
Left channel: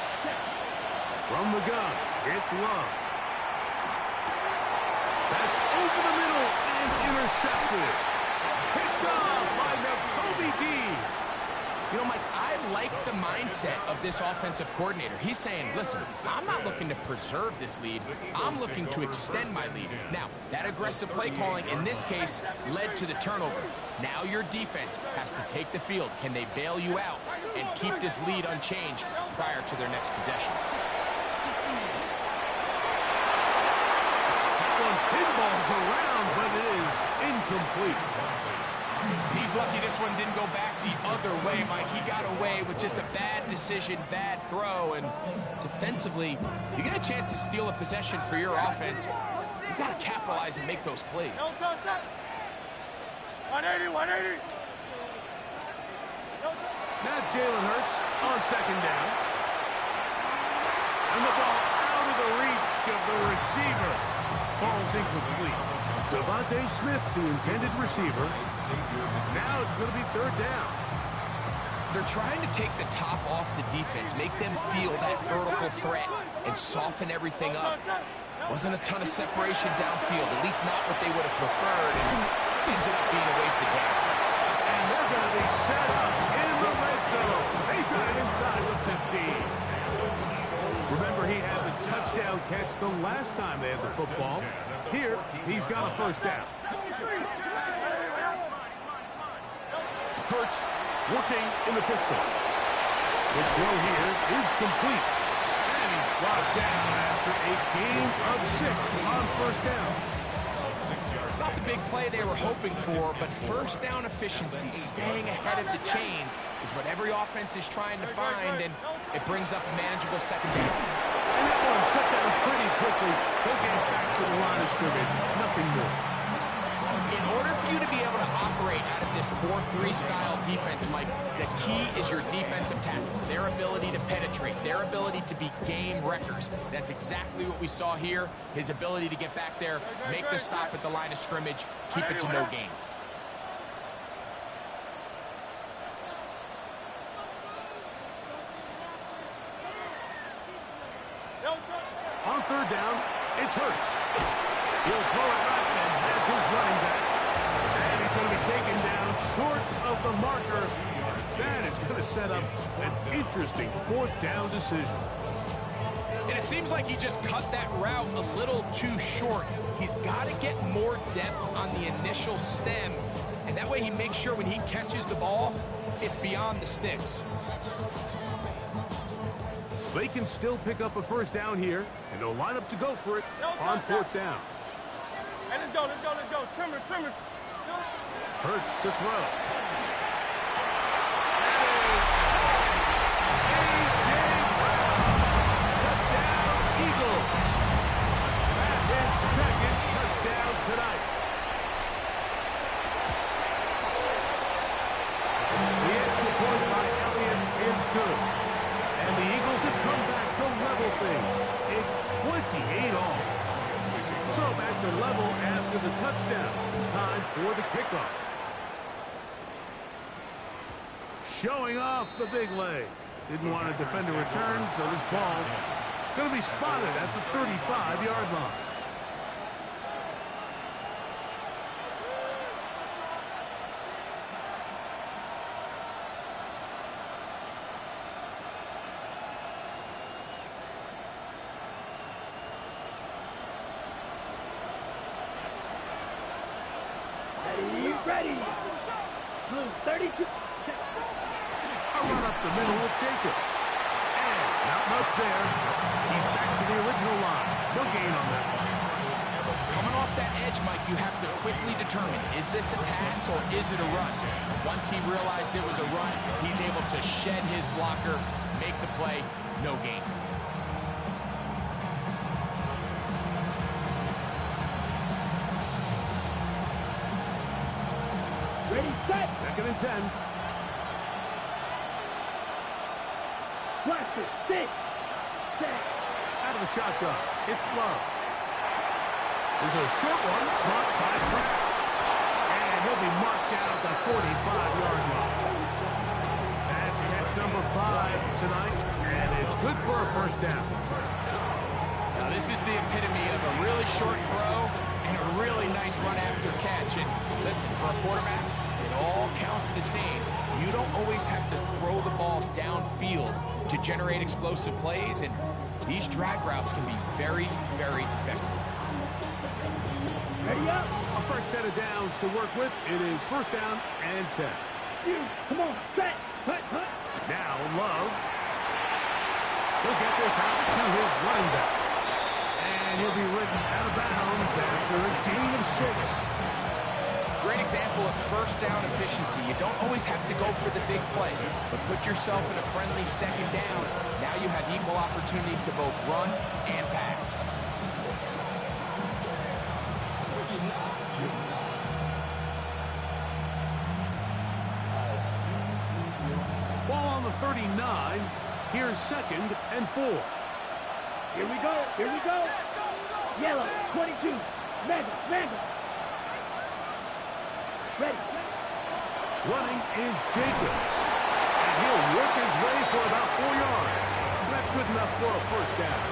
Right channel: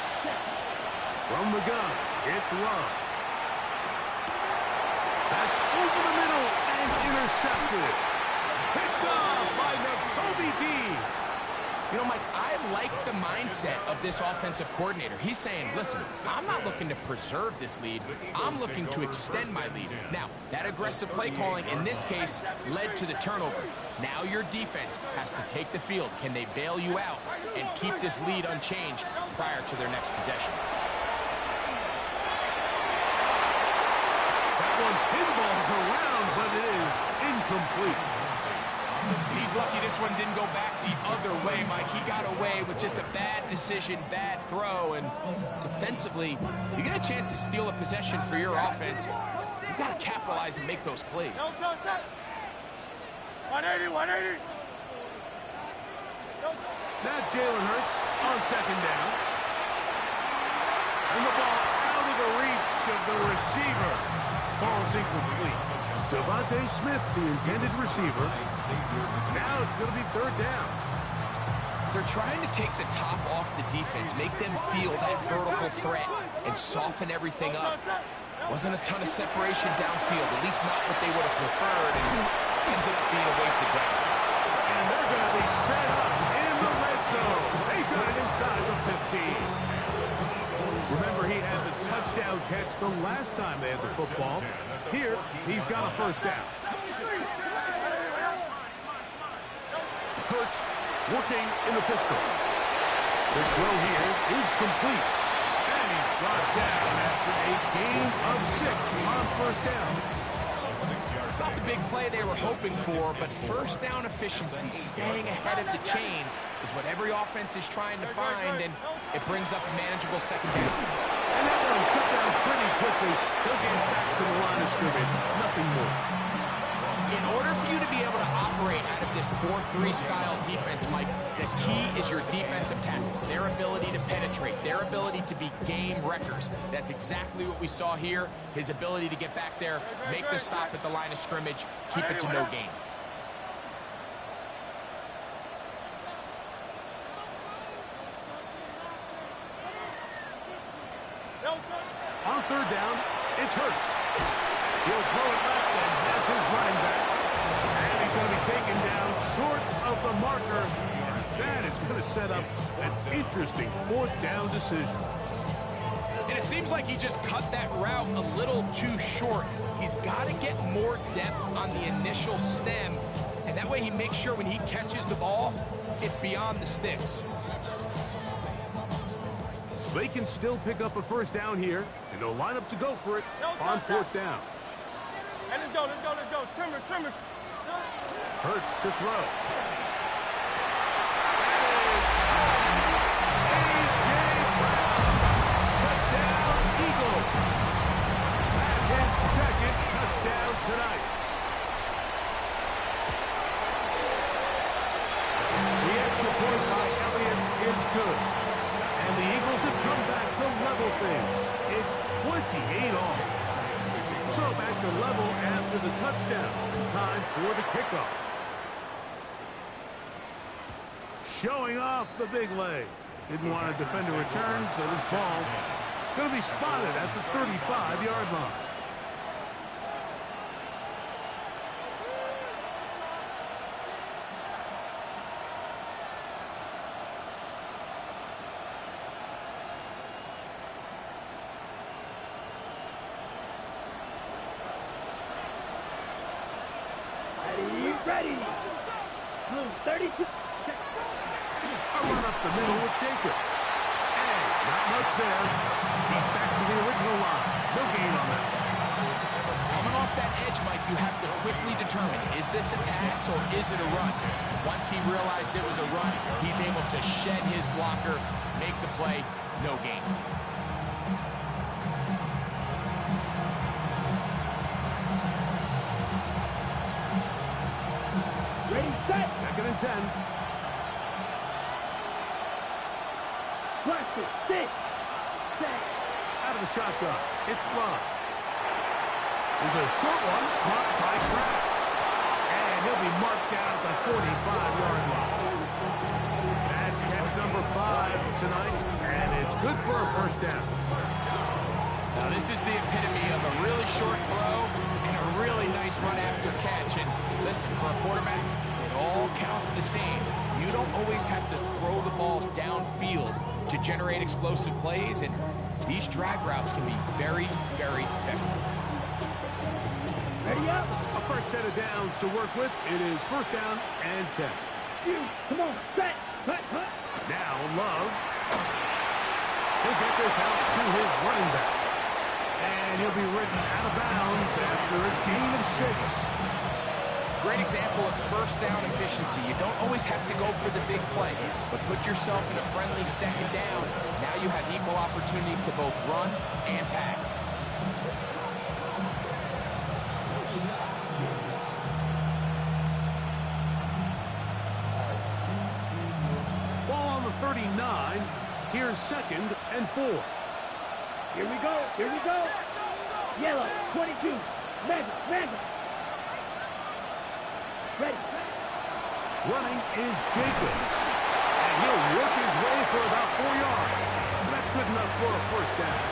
From the gun, it's Love. That's over the middle and intercepted. Picked off by Nakobe Dean. You know, Mike, I like the mindset of this offensive coordinator. He's saying, listen, I'm not looking to preserve this lead. I'm looking to extend my lead. Now, that aggressive play calling in this case led to the turnover. Now your defense has to take the field. Can they bail you out and keep this lead unchanged prior to their next possession? That one pinballs around, but it is incomplete. He's lucky this one didn't go back the other way, Mike. He got away with just a bad decision, bad throw, and defensively, you get a chance to steal a possession for your offense. You got to capitalize and make those plays. No touch, set. 180, 180. No touch. Now Jalen Hurts on second down. And the ball out of the reach of the receiver. Falls incomplete. Devontae Smith, the intended receiver. Now it's going to be third down. They're trying to take the top off the defense, make them feel that vertical threat, and soften everything up. Wasn't a ton of separation downfield, at least not what they would have preferred, and ends up being a wasted down. And they're going to be set up in the red zone. They got it inside the 15. Remember, he had the touchdown catch the last time they had the football. Here, he's got a first down. Hurts working in the pistol. The throw here is complete. And he's brought down after a gain of 6 on first down. It's not the big play they were hoping for, but first down efficiency, staying ahead of the chains, is what every offense is trying to find, and it brings up a manageable second down. And that one shut down pretty quickly. They'll get back to the line of scrimmage. Nothing more. In order for you to be able to operate out of this 4-3 style defense, Mike, the key is your defensive tackles, their ability to penetrate, their ability to be game wreckers. That's exactly what we saw here, his ability to get back there, make the stop at the line of scrimmage, keep it to no gain. On third down, it's Hurts. He'll throw it left and has his running back. And he's going to be taken down short of the marker. That is going to set up an interesting fourth down decision. And it seems like he just cut that route a little too short. He's got to get more depth on the initial stem, and that way he makes sure when he catches the ball, it's beyond the sticks. They can still pick up a first down here, and they'll line up to go for it on fourth down. Hey, let's go, let's go, let's go. Trimmer, trimmer. Hurts to throw. That is A.J. Brown. Touchdown, Eagles. That is second touchdown tonight. The extra point by Elliott is good. And the Eagles have come back to level things. It's 28 all. So back to level after the touchdown. Time for the kickoff. Showing off the big leg. Didn't want to defend a return, so this ball is going to be spotted at the 35-yard line. Ready. Blue, 32. A run up the middle with Jacobs. And not much there. He's back to the original line. No gain on that one. Coming off that edge, Mike, you have to quickly determine, is this a pass or is it a run? Once he realized it was a run, he's able to shed his blocker, make the play, no gain. Ready, set. 2nd and 10. Blaster, 6. Set. Out of the shotgun. It's Love. There's a short one caught by Kraft. And he'll be marked down at the 45-yard line. That's catch number 5 tonight, and it's good for a first down. Now, this is the epitome of a really short throw and a really nice run after catch. And listen, for a quarterback, it all counts the same. You don't always have to throw the ball downfield to generate explosive plays, and these drag routes can be very, very effective. Ready up. A fresh set of downs to work with. It is 1st down and 10. You, come on, set. Hut, hut. Now Love. He'll get this out to his running back. And he'll be ridden out of bounds after a gain of 6. Great example of first down efficiency. You don't always have to go for the big play, but put yourself in a friendly 2nd down. Now you have equal opportunity to both run and pass. Ball on the 39. Here's 2nd and 4. Here we go, here we go. Yellow, 22. Mega. Ready. Running is Jacobs. And he'll work his way for about 4 yards. That's good enough for a first down.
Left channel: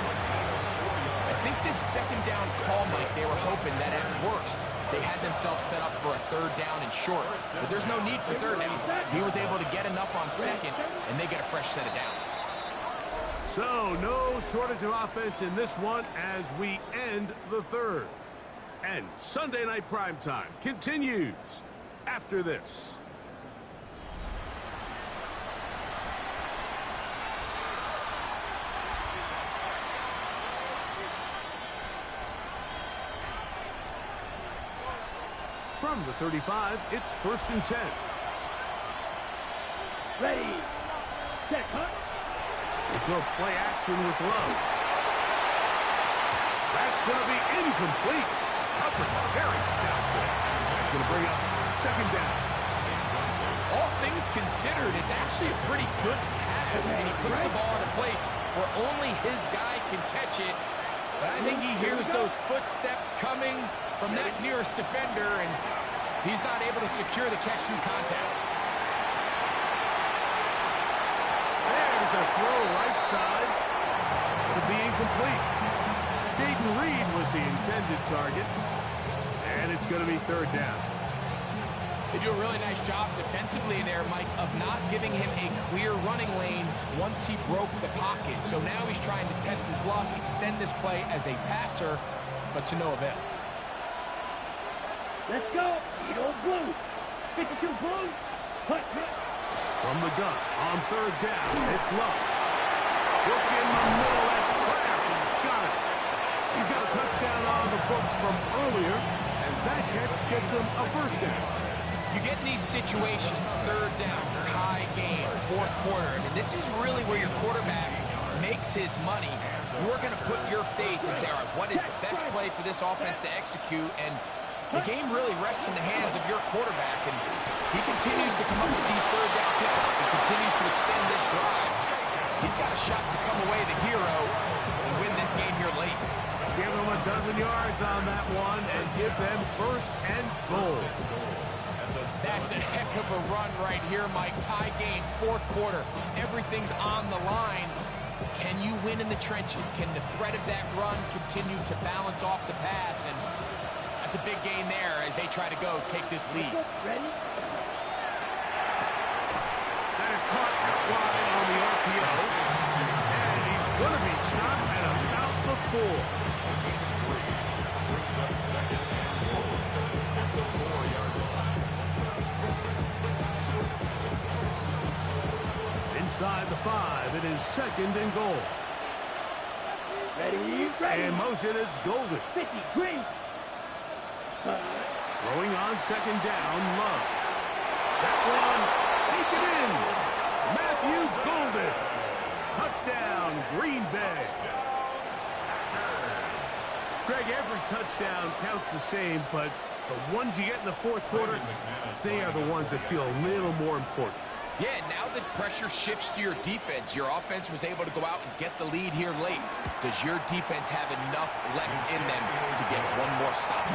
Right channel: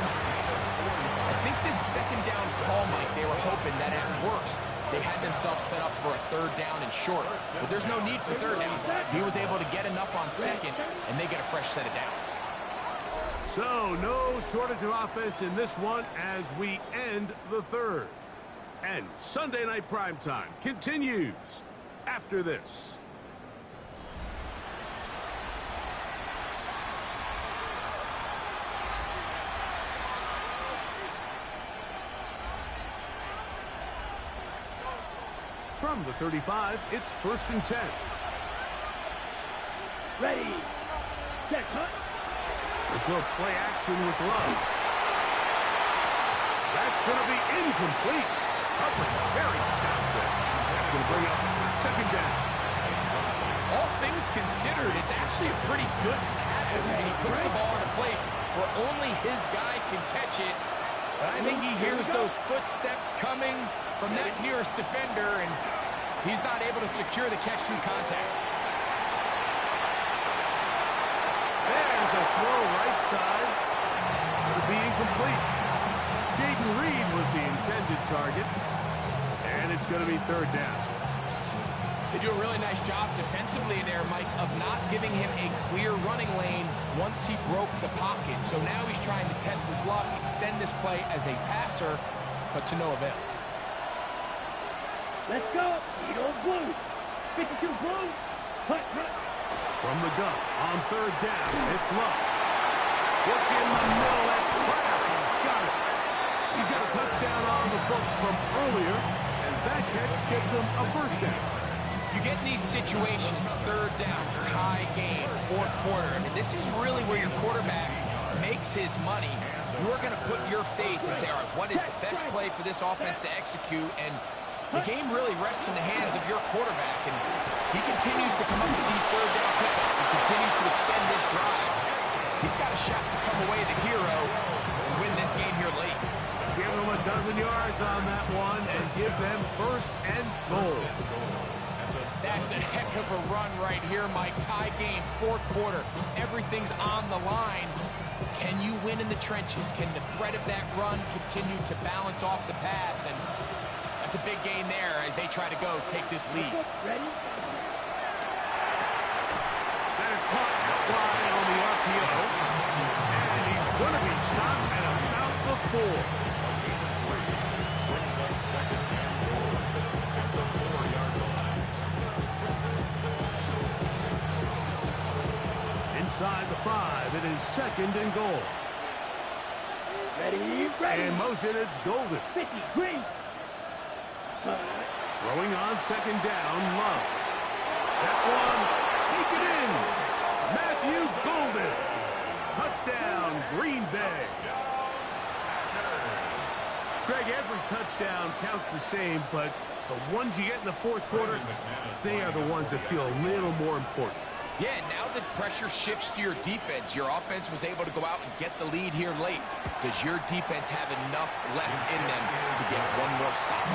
I think this 2nd down call, Mike, they were hoping that at worst they had themselves set up for a 3rd down and short. But there's no need for 3rd down. He was able to get enough on 2nd, and they get a fresh set of downs. So, no shortage of offense in this one as we end the 3rd. And Sunday Night Primetime continues after this. From the 35, it's 1st and 10. Ready. Set, hut. Let's go play action with Love. That's going to be incomplete. Coverage very stout there. That's going to bring up 2nd down. All things considered, it's actually a pretty good pass. I mean, he puts the ball in a place where only his guy can catch it. But I think he hears those footsteps coming from that nearest defender, and he's not able to secure the catch through contact. There's a throw right side. It'll be incomplete. Jaden Reed was the intended target. And it's going to be 3rd down. They do a really nice job defensively there, Mike, of not giving him a clear running lane once he broke the pocket. So now he's trying to test his luck, extend this play as a passer, but to no avail. Let's go. Eat old blue. 52 blue. Hut. From the gun on 3rd down, it's Love. Look in the middle, that's Kraft. He's got it. He's got a touchdown on the books from earlier, and that catch gets him a first down. You get in these situations, 3rd down, tie game, 4th quarter. I mean, this is really where your quarterback makes his money. You're going to put your faith and say, all right, what is the best play for this offense to execute? And the game really rests in the hands of your quarterback, and he continues to come up with these 3rd down pickups and continues to extend this drive. He's got a shot to come away the hero and win this game here late. Give them a dozen yards on that one and give them 1st and goal. That's a heck of a run right here, Mike. Tie game, 4th quarter. Everything's on the line. Can you win in the trenches? Can the threat of that run continue to balance off the pass? And that's a big gain there as they try to go take this lead. Ready? That is caught out wide on the RPO. And he's going to be stopped at about the 4. Brings up 2nd and goal at the 4-yard line. inside the 5. It is 2nd and goal. Ready, ready. In motion, it's Golden. 50, green. Throwing on 2nd down, Love. That one, taken in. Matthew Golden. Touchdown, Green Bay. Greg, every touchdown counts the same, but the ones you get in the 4th quarter, they are the ones that feel a little more important. Yeah, now that pressure shifts to your defense, your offense was able to go out and get the lead here late. Does your defense have enough left in them to get one more stop?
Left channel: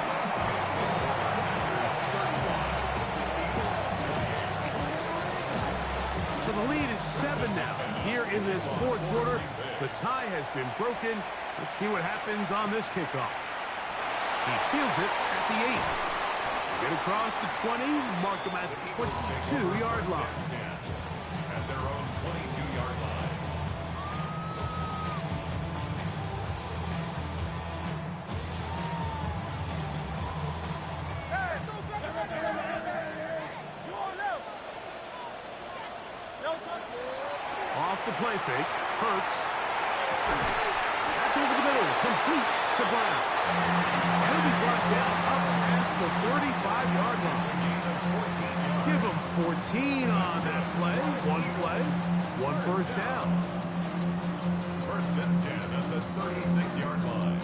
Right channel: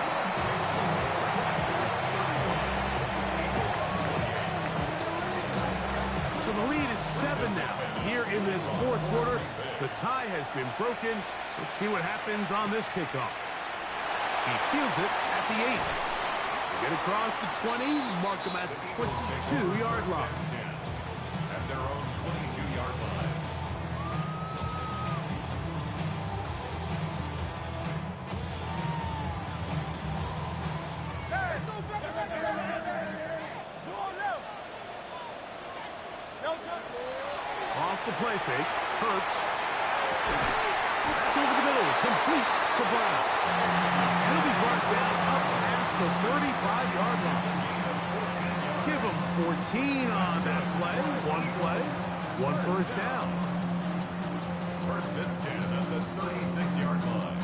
So the lead is 7 now. Here in this 4th quarter, the tie has been broken. Let's see what happens on this kickoff. He fields it at the 8. They get across the 20, mark him at the 22-yard line. At their own 22-yard line. Off the play fake, Hurts. That's over the middle, complete to Brown. He'll be brought down up past the 35-yard line. Give him 14 on that play. One first down. 1st and 10 at the 36-yard line.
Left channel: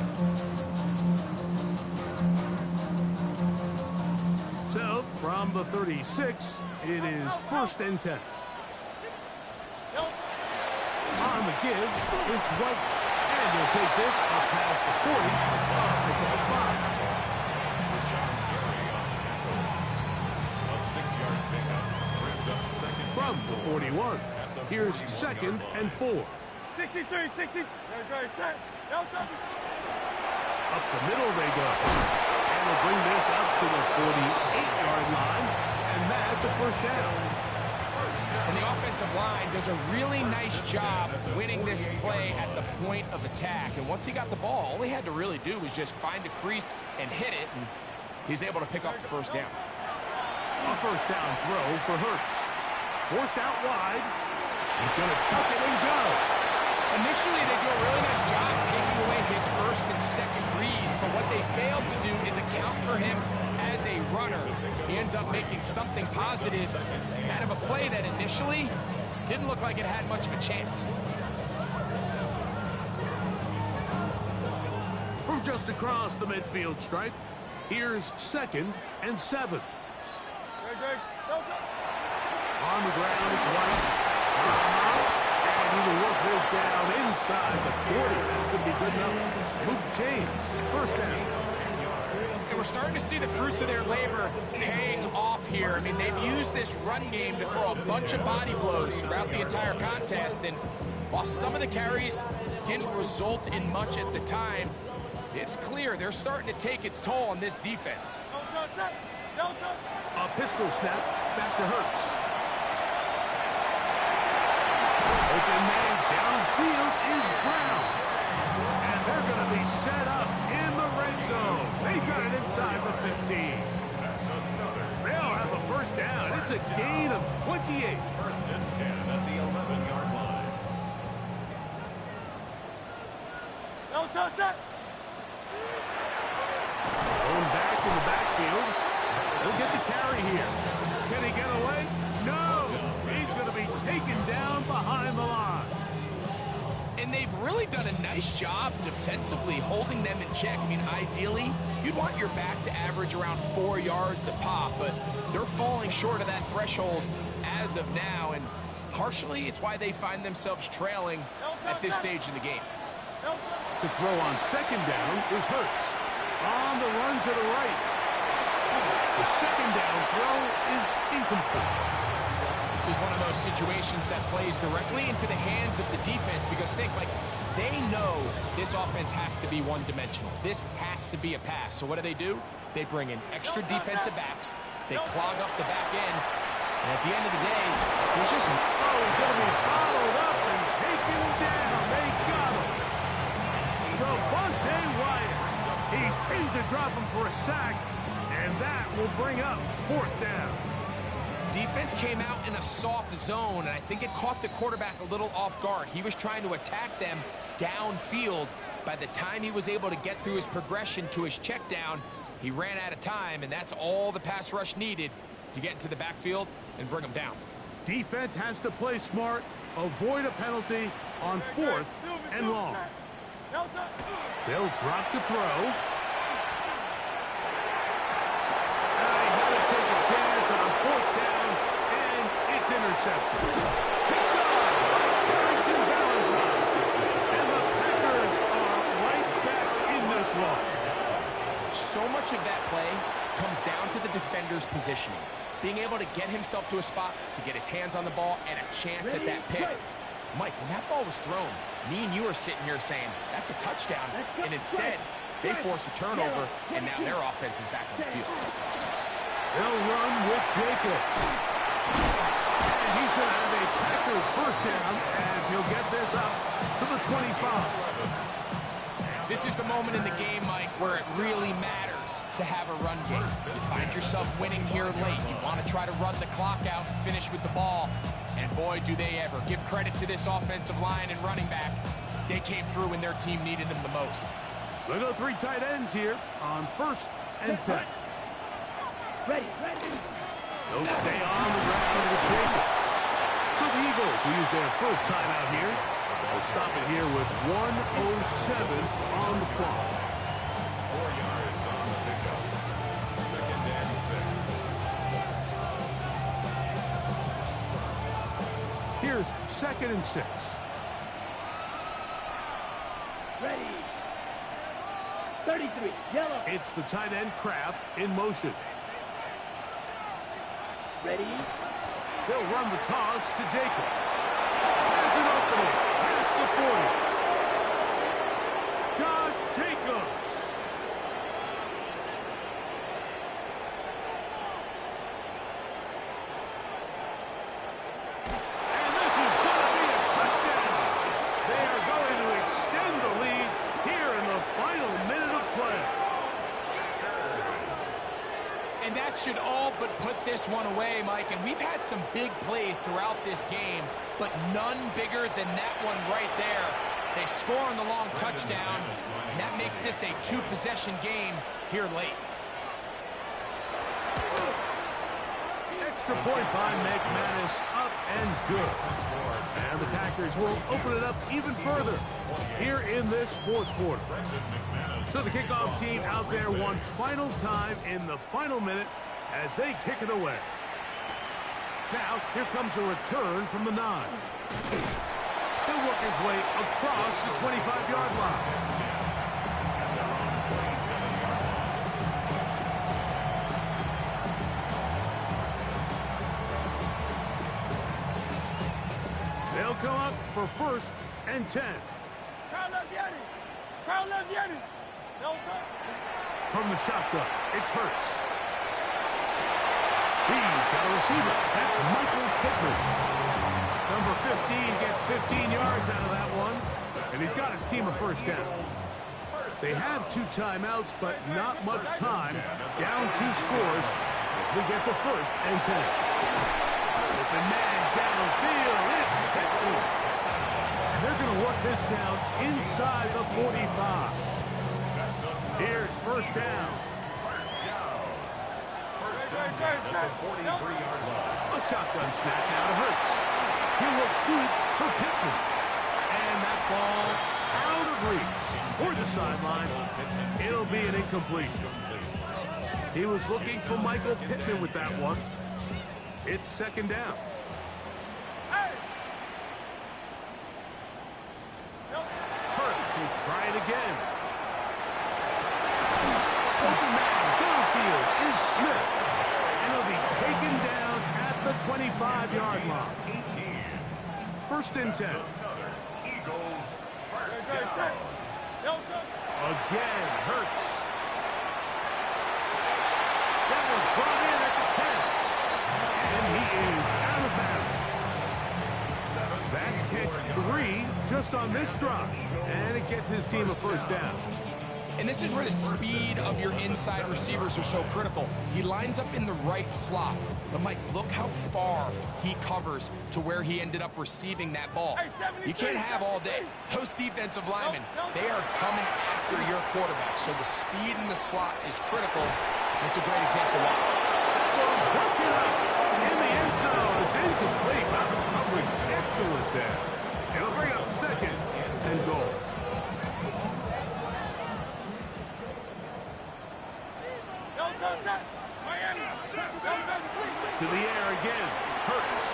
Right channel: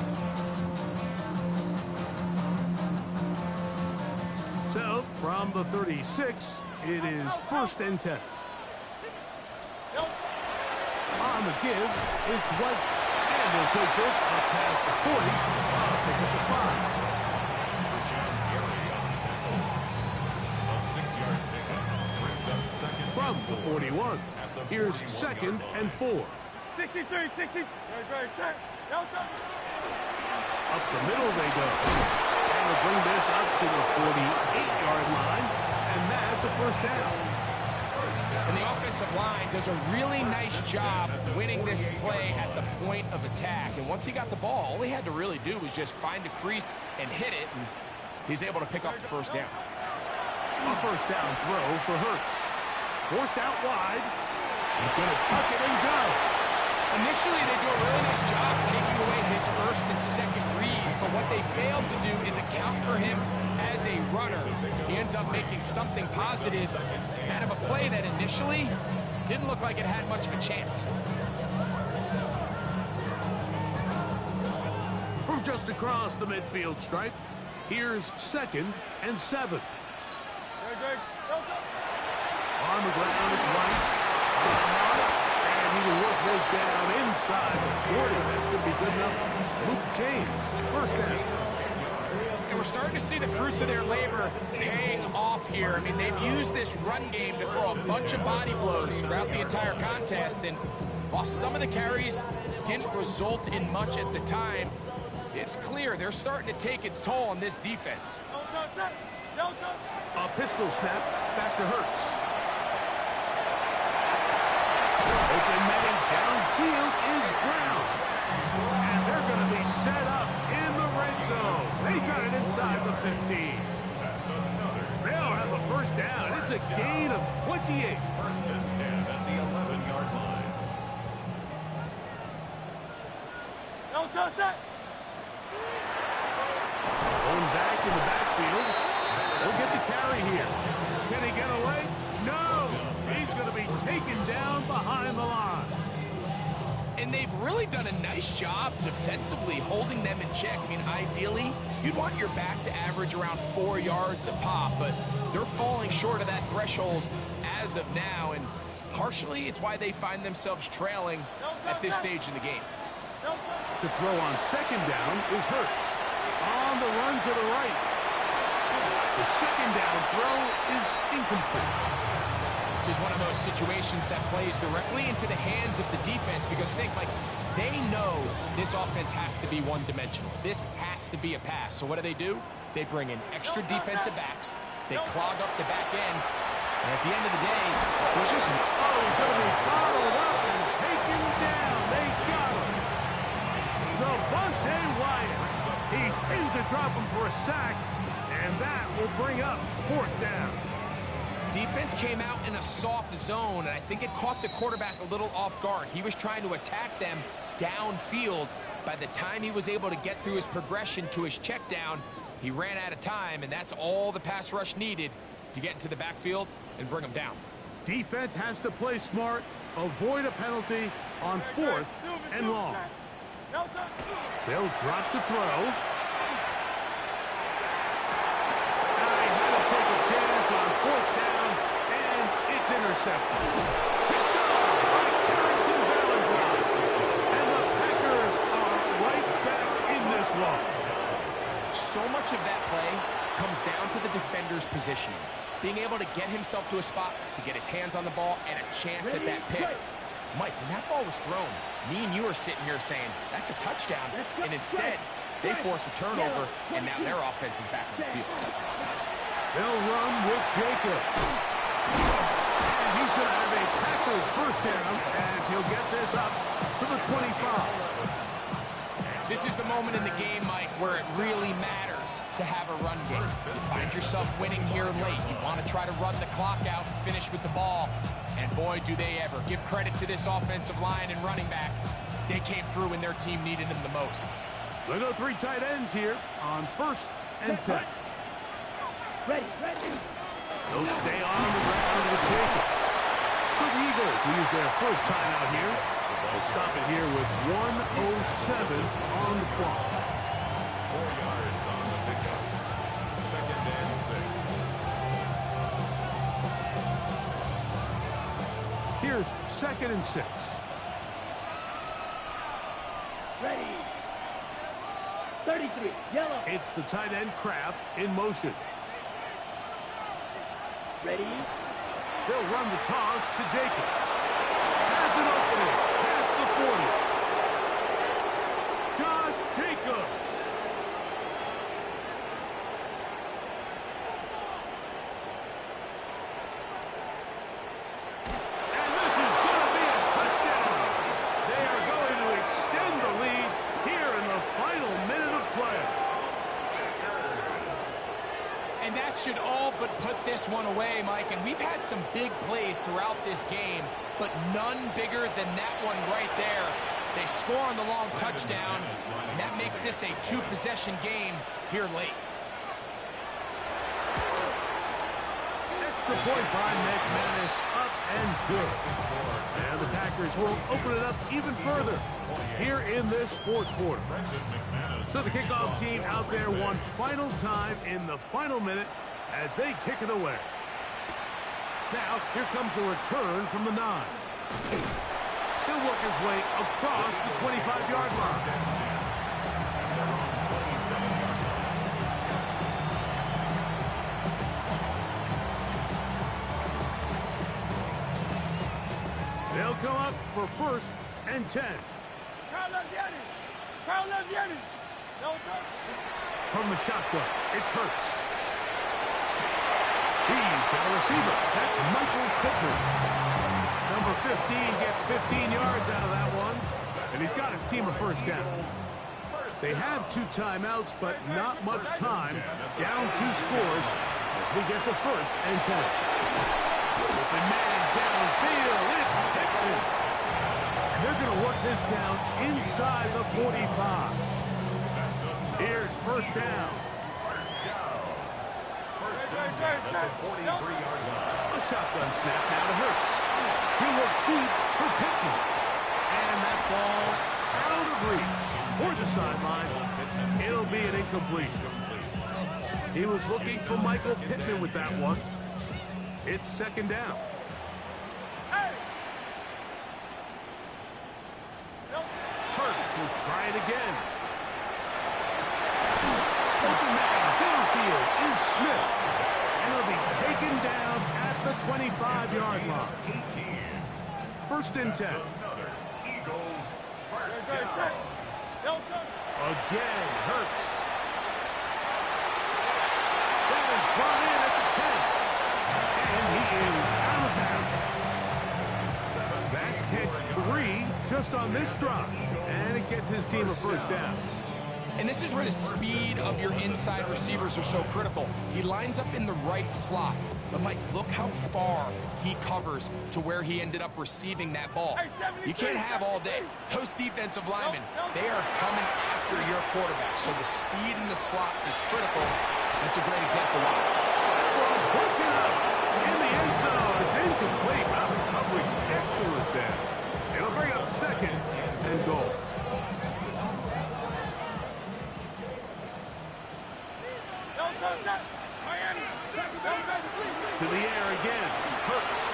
So, from the 36, it is 1st and 10. On the give, it's White. And he'll take this up past the 40. Pick up the 5. Rashawn Gary on the tackle. A 6-yard pickup brings up 2nd. From the 41. Here's 2nd and 4. 63, 60. Set. Up the middle they go. And they'll bring this up to the 48-yard line. And that's a 1st down. And the offensive line does a really nice job winning this play at the point of attack. And once he got the ball, all he had to really do was just find a crease and hit it. And he's able to pick up the 1st down. A 1st down throw for Hurts. Forced out wide. He's going to tuck it and go. Initially, they do a really nice job taking away his 1st and 2nd reads. But what they failed to do is account for him as a runner. He ends up making something positive out of a play that initially didn't look like it had much of a chance. From just across the midfield stripe, here's 2nd and 7. On the ground, it's White. And he will work this down inside the 40. That's going to be good enough to move the chains. 1st down. And we're starting to see the fruits of their labor paying off here. I mean, they've used this run game to throw a bunch of body blows throughout the entire contest. And while some of the carries didn't result in much at the time, it's clear they're starting to take its toll on this defense. A pistol snap back to Hurts. Open man downfield is Brown. And they're going to be set up in the red zone. They got it inside the 15. That's another. They'll have a 1st down. It's a gain of 28. 1st and 10 at the 11-yard line. Going back in the backfield. He'll get the carry here. Can he get away? No. He's going to be taken down behind the line. And they've really done a nice job defensively holding them in check. I mean, ideally, you'd want your back to average around 4 yards a pop, but they're falling short of that threshold as of now, and partially it's why they find themselves trailing at this stage in the game. To throw on 2nd down is Hurts. On the run to the right. The 2nd down throw is incomplete. This is one of those situations that plays directly into the hands of the defense because think, like, they know this offense has to be one-dimensional. This has to be a pass. So what do? They bring in extra defensive backs. They clog up the back end. And at the end of the day, there's just... Oh, he's going to be bottled up and taken down. They got him. Devontae Wyatt. He's in to drop him for a sack, and that will bring up 4th down. Defense came out in a soft zone, and I think it caught the quarterback a little off guard. He was trying to attack them downfield. By the time he was able to get through his progression to his check down, he ran out of time, and that's all the pass rush needed to get into the backfield and bring him down. Defense has to play smart, avoid a penalty on 4th and long. They'll drop to throw. He had to take a chance on 4th down, and it's intercepted. Picked off by Carrington Valentine. And the Packers are right back in this one. So much of that play comes down to the defender's positioning. Being able to get himself to a spot, to get his hands on the ball, and a chance at that pick. Mike, when that ball was thrown, me and you are sitting here saying, that's a touchdown. And instead, they force a turnover, and now their offense is back on the field. They'll run with Jacobs. And he's going to have a Packers first down as he'll get this up to the 25. This is the moment in the game, Mike, where it really matters to have a run game. You find yourself winning here late. You want to try to run the clock out and finish with the ball. And boy, do they ever. Give credit to this offensive line and running back. They came through when their team needed them the most. They go 3 tight ends here on 1st and 10. Ready. They'll stay on the ground with Jacobs. So the Eagles will use their first timeout here. They'll stop it here with 1:07 on the clock. 4 yards on the pickup. 2nd and 6. Here's 2nd and 6. Ready. 33, yellow. It's the tight end Kraft in motion. Ready. They'll run the toss to Jacobs. Has an opening past the 40. Josh Jacobs. And this is going to be a touchdown. They are going to extend the lead here in the final minute of play. And that should all but put this one away, Mike. And we've had some big plays throughout this game, but none bigger than that one right there. They score on the long touchdown, and that makes this a 2-possession game here late. Extra point by McManus, up and good. And the Packers will open it up even further here in this 4th quarter. So the kickoff team out there one final time in the final minute as they kick it away. Now, here comes a return from the 9. He'll work his way across the 25-yard line. And they're on 27-yard line. They'll come up for 1st and 10. From the shotgun, it's Hurts. He's got a receiver. That's Michael Pittman. Number 15 gets 15 yards out of that one, and he's got his team a first down. They have 2 timeouts, but not much time. Down 2 scores as we get to 1st and 10. Open man downfield. It's Pittman. And they're going to work this down inside the 45. Here's 1st down. First down at the 43-yard line. A shotgun snap now to Hurts. He'll look deep for Pittman. And that ball out of reach toward the sideline. It'll be an incompletion. He was looking for Michael Pittman with that one. It's 2nd down. Hurts will try it again. Open man downfield is Smith. And he'll be taken down at the 25-yard line. 18. 1st and 10. Another Eagles first down. Again, Hurts. That is brought in at the 10. And he is out of bounds. That's catch 3 just on this drive. And it gets his team a first down. And this is where the speed of your inside receivers are so critical. He lines up in the right slot. But, Mike, look how far he covers to where he ended up receiving that ball. You can't have all day. Those defensive linemen, they are coming after your quarterback. So the speed in the slot is critical. That's a great example why. Busted up in the end zone. It's incomplete. Wow, the coverage excellent there. It'll bring up second and goal. To the air again. Hurts.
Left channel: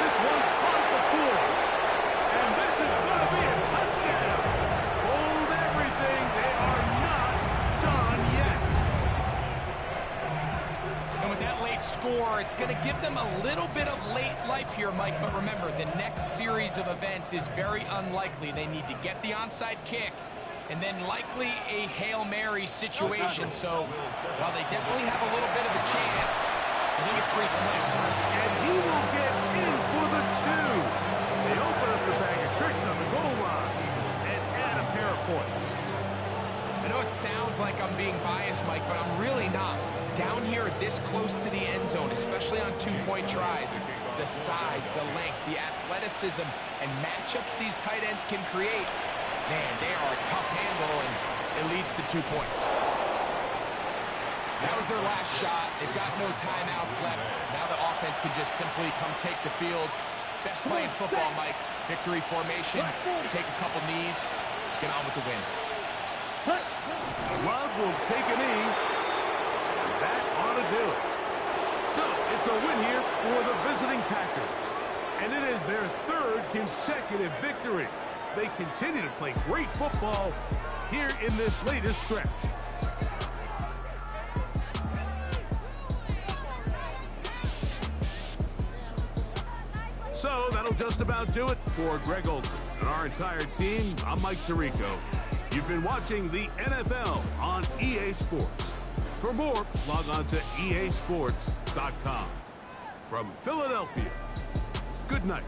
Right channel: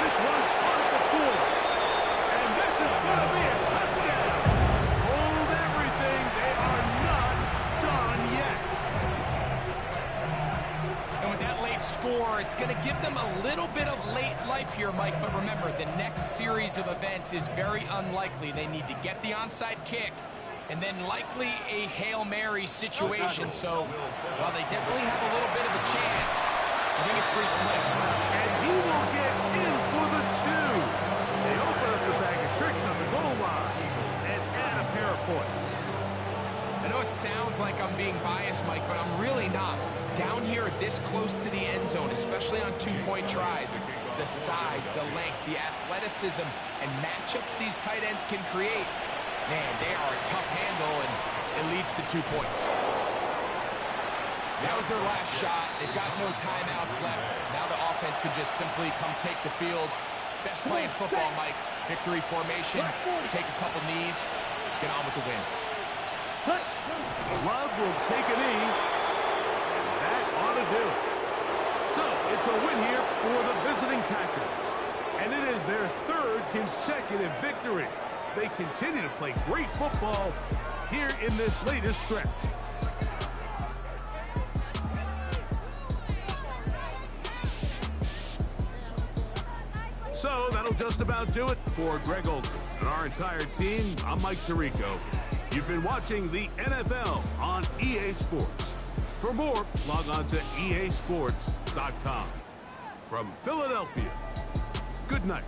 This one caught at the full. And this is going to be a touchdown. Hold everything. They are not done yet. And with that late score, it's going to give them a little bit of late life here, Mike. But remember, the next series of events is very unlikely. They need to get the onside kick and then likely a Hail Mary situation. So while they definitely have a little bit of a chance, I think it's pretty slim. And he will get in for the two. They open up the bag of tricks on the goal line and add a pair of points. I know it sounds like I'm being biased, Mike, but I'm really not. Down here this close to the end zone, especially on two-point tries, the size, the length, the athleticism, and matchups these tight ends can create, man, they are a tough handle, and it leads to 2 points. That was their last shot. They've got no timeouts left. Now the offense can just simply come take the field. Best play in football, Mike. Victory formation, take a couple knees, get on with the win. Love will take a knee, and that ought to do it. So, it's a win here for the visiting Packers. And it is their third consecutive victory. They continue to play great football here in this latest stretch. So that'll just about do it for Greg Olson and our entire team. I'm Mike Tirico. You've been watching the NFL on EA Sports. For more, log on to easports.com. From Philadelphia, good night.